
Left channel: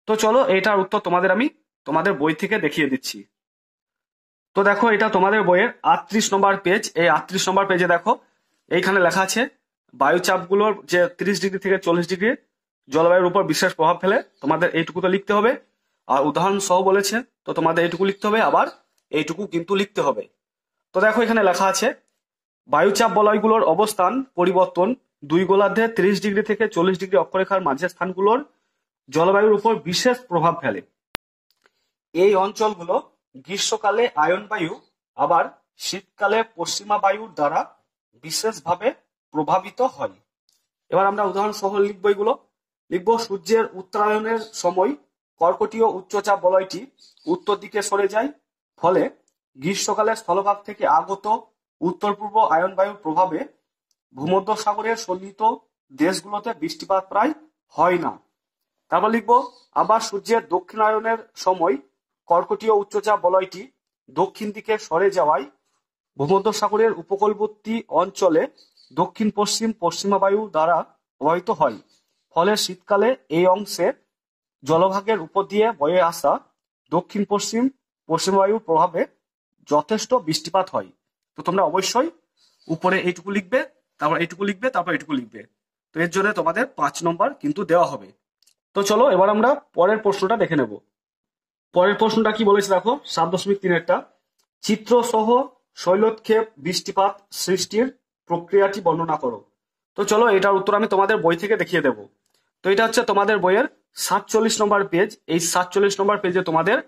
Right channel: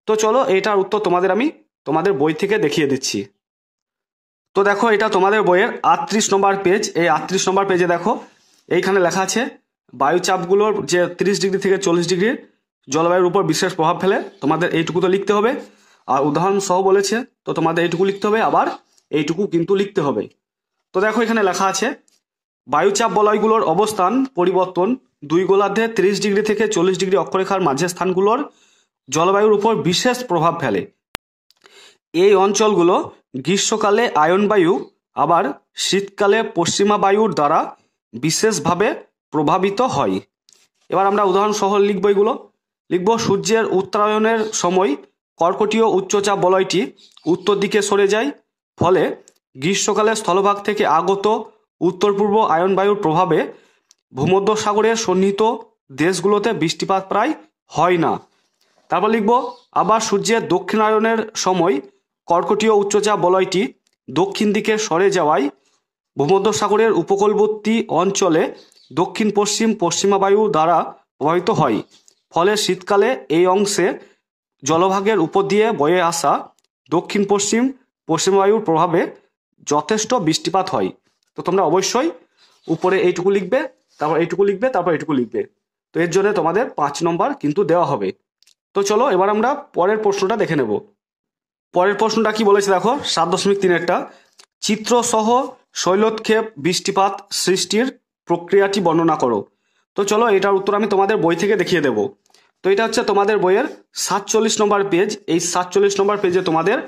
তো চলো এটার উত্তর আমি তোমাদের বই থেকে দেখিয়ে দিচ্ছি। তো দেখো এটা তোমাদের বইয়ের 38 নম্বর পেজ। এই 38 নম্বর পেজে দেখো এইখানে লেখা আছে বায়ুচাপগুলোর যে 30 ডিগ্রি থেকে 40 ডিগ্রি জলবায়ুর উপর বিশেষ প্রভাব ফেলে, তোমাদের এইটুকু তো লিখতে হবে। আর উদাহরণ সহ বলেছে, তো তোমাদের এইটুকু লিখতে হবে, আবার এইটুকু কিন্তু লিখতে হবে। তো দেখো এখানে লেখা আছে বায়ুচাপ বলয়গুলোর অবস্থান পরিবর্তন দুই গোলার্ধে 30 ডিগ্রি থেকে 40 ডিগ্রি অক্ষরেখার মাঝের স্থানগুলোর জলবায়ুর উপর বিশেষ প্রভাব ফেলে। এই অঞ্চলগুলো গ্রীষ্মকালে আয়ন বায়ু, আবার শীতকালে পশ্চিমা বায়ুর দ্বারা বিশেষভাবে প্রভাবিত হয়। এবার আমরা উদাহরণ সহ লিখব, এগুলো লিখব। সূর্যের উত্তরায়ণের সময় কর্কটীয় উচ্চচাপ বলয়টি উত্তর দিকে সরে যায়, ফলে গ্রীষ্মকালে স্থলভাগ থেকে আগত উত্তর পূর্ব আয়ন বায়ুর প্রভাবে ভূমধ্যসাগরের সন্নিহিত দেশগুলোতে বৃষ্টিপাত প্রায় হয় না। তারপর লিখব, আবার সূর্যের দক্ষিণায়নের সময় কর্কটীয় উচ্চচাপ বলয়টি দক্ষিণ দিকে সরে যাওয়ায় ভূমধ্যসাগরের উপকূলবর্তী অঞ্চলে দক্ষিণ পশ্চিম পশ্চিমা বায়ু দ্বারা প্রভাবিত হয়। ফলে শীতকালে এই অংশে জলভাগের উপর দিয়ে বয়ে আসা দক্ষিণ পশ্চিম পশ্চিমা বায়ুর প্রভাবে যথেষ্ট বৃষ্টিপাত হয়। তো তোমরা অবশ্যই উপরে এইটুকু লিখবে, তারপর এইটুকু লিখবে, তারপর এইটুকু লিখবে। তো এর জন্য তোমাদের 5 নম্বর কিন্তু দেওয়া হবে। তো চলো এবার আমরা পরের প্রশ্নটা দেখে নেব। পরের প্রশ্নটা কি বলেছে দেখো, 7.3-এরটা, চিত্রসহ শৈলক্ষেপ বৃষ্টিপাত সৃষ্টির প্রক্রিয়াটি বর্ণনা করো। তো চলো এটার উত্তর আমি তোমাদের বই থেকে দেখিয়ে দেব। তো এটা হচ্ছে তোমাদের বইয়ের 47 নম্বর পেজ। এই 47 নম্বর পেজে তোমাদের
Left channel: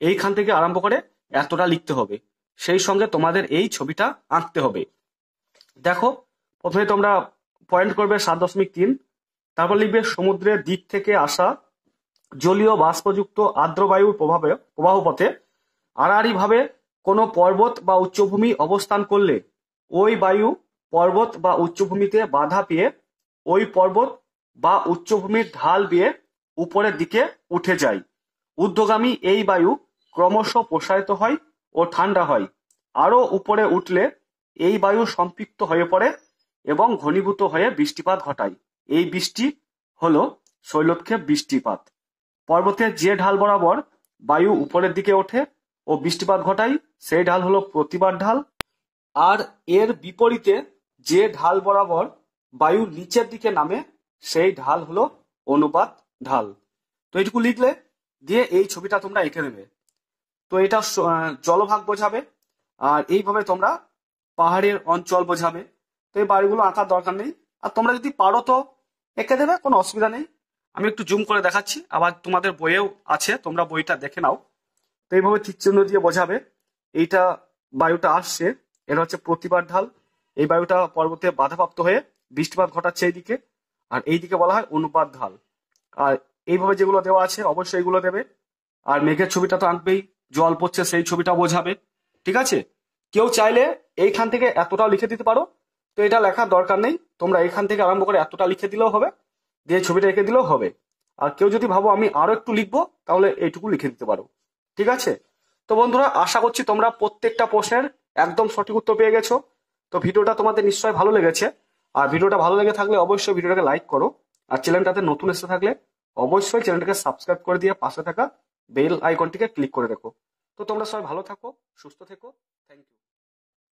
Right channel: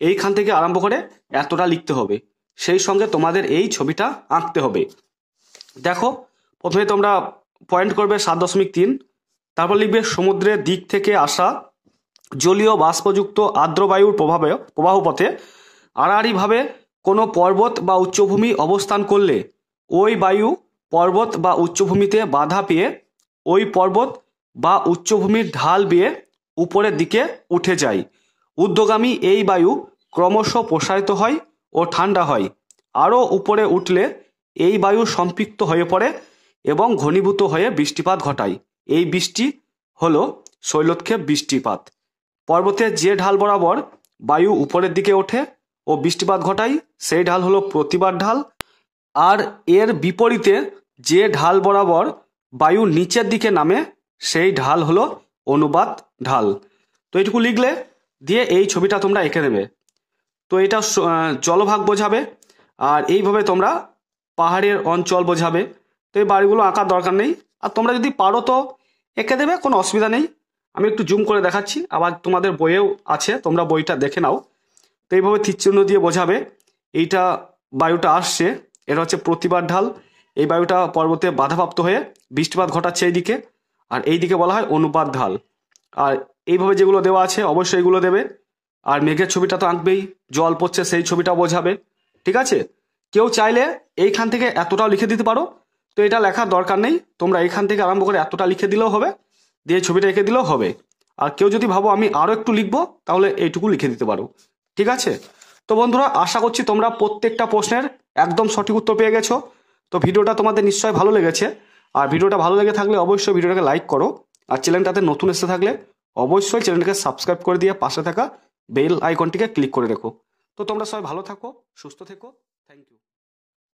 এইখান থেকে আরম্ভ করে এতটা লিখতে হবে, সেই সঙ্গে তোমাদের এই ছবিটা আঁকতে হবে। দেখো প্রথমে তোমরা পয়েন্ট করবে 7.3, তারপর লিখবে সমুদ্রের দিক থেকে আসা জলীয় বাষ্পযুক্ত আর্দ্র বায়ুর প্রবাহ পথে আড়াআড়িভাবে কোনো পর্বত বা উচ্চভূমি অবস্থান করলে ওই বায়ু পর্বত বা উচ্চভূমিতে বাধা পেয়ে ওই পর্বত বা উচ্চভূমির ঢাল বেয়ে উপরের দিকে উঠে যায়। ঊর্ধ্বগামী এই বায়ু ক্রমশ প্রসারিত হয় ও ঠান্ডা হয়। আরও উপরে উঠলে এই বায়ু সম্পৃক্ত হয়ে পড়ে এবং ঘনীভূত হয়ে বৃষ্টিপাত ঘটায়। এই বৃষ্টি হলো শৈলক্ষেপ বৃষ্টিপাত। পর্বতের যে ঢাল বরাবর বায়ু উপরের দিকে ওঠে ও বৃষ্টিপাত ঘটায় সেই ঢাল হলো প্রতিবাদ ঢাল, আর এর বিপরীতে যে ঢাল বরাবর বায়ু নিচের দিকে নামে সেই ঢাল হলো অনুবাদ ঢাল। তো এইটুকু লিখলে দিয়ে এই ছবিটা তোমরা এঁকে নেবে। তো এটা জলভাগ বোঝাবে, আর এইভাবে তোমরা পাহাড়ের অঞ্চল বোঝাবে। তো এই বাড়িগুলো আঁকার দরকার নেই, আর তোমরা যদি পারো তো এঁকে দেবে, কোনো অসুবিধা নেই। আমি একটু জুম করে দেখাচ্ছি, আবার তোমাদের বইয়েও আছে, তোমরা বইটা দেখে নাও। তো এইভাবে তীরচিহ্ন দিয়ে বোঝাবে এইটা বায়ুটা আসছে, এটা হচ্ছে প্রতিবাদ ঢাল। এই বায়ুটা পর্বতে বাধাপ্রাপ্ত হয়ে বৃষ্টিপাত ঘটাচ্ছে এইদিকে, আর এইদিকে বলা হয় অনুপাত ঢাল। আর এইভাবে যেগুলো দেওয়া আছে অবশ্যই এগুলো দেবে। আর মেঘের ছবিটা তো আঁকবেই, জল পড়ছে সেই ছবিটা বোঝাবে। ঠিক আছে, কেউ চাইলে এইখান থেকে এতটাও লিখে দিতে পারো, তো এটা লেখার দরকার নেই, তোমরা এইখান থেকে আরম্ভ করে এতটা লিখে দিলেও হবে, দিয়ে ছবিটা এঁকে দিলেও হবে। আর কেউ যদি ভাবো আমি আরও একটু লিখবো, তাহলে এইটুকু লিখে দিতে পারো। ঠিক আছে, তো বন্ধুরা আশা করছি তোমরা প্রত্যেকটা প্রশ্নের একদম সঠিক উত্তর পেয়ে গেছো। তো ভিডিওটা তোমাদের নিশ্চয়ই ভালো লেগেছে, আর ভিডিওটা ভালো লেগে থাকলে অবশ্যই ভিডিওটাকে লাইক করো, আর চ্যানেলটাতে নতুন এসে থাকলে অবশ্যই চ্যানেলটাকে সাবস্ক্রাইব করে দিয়ে পাশে থাকা বেল আইকনটিকে ক্লিক করে রেখো। তো তোমরা সবাই ভালো থাকো, সুস্থ থেকো, থ্যাংক ইউ।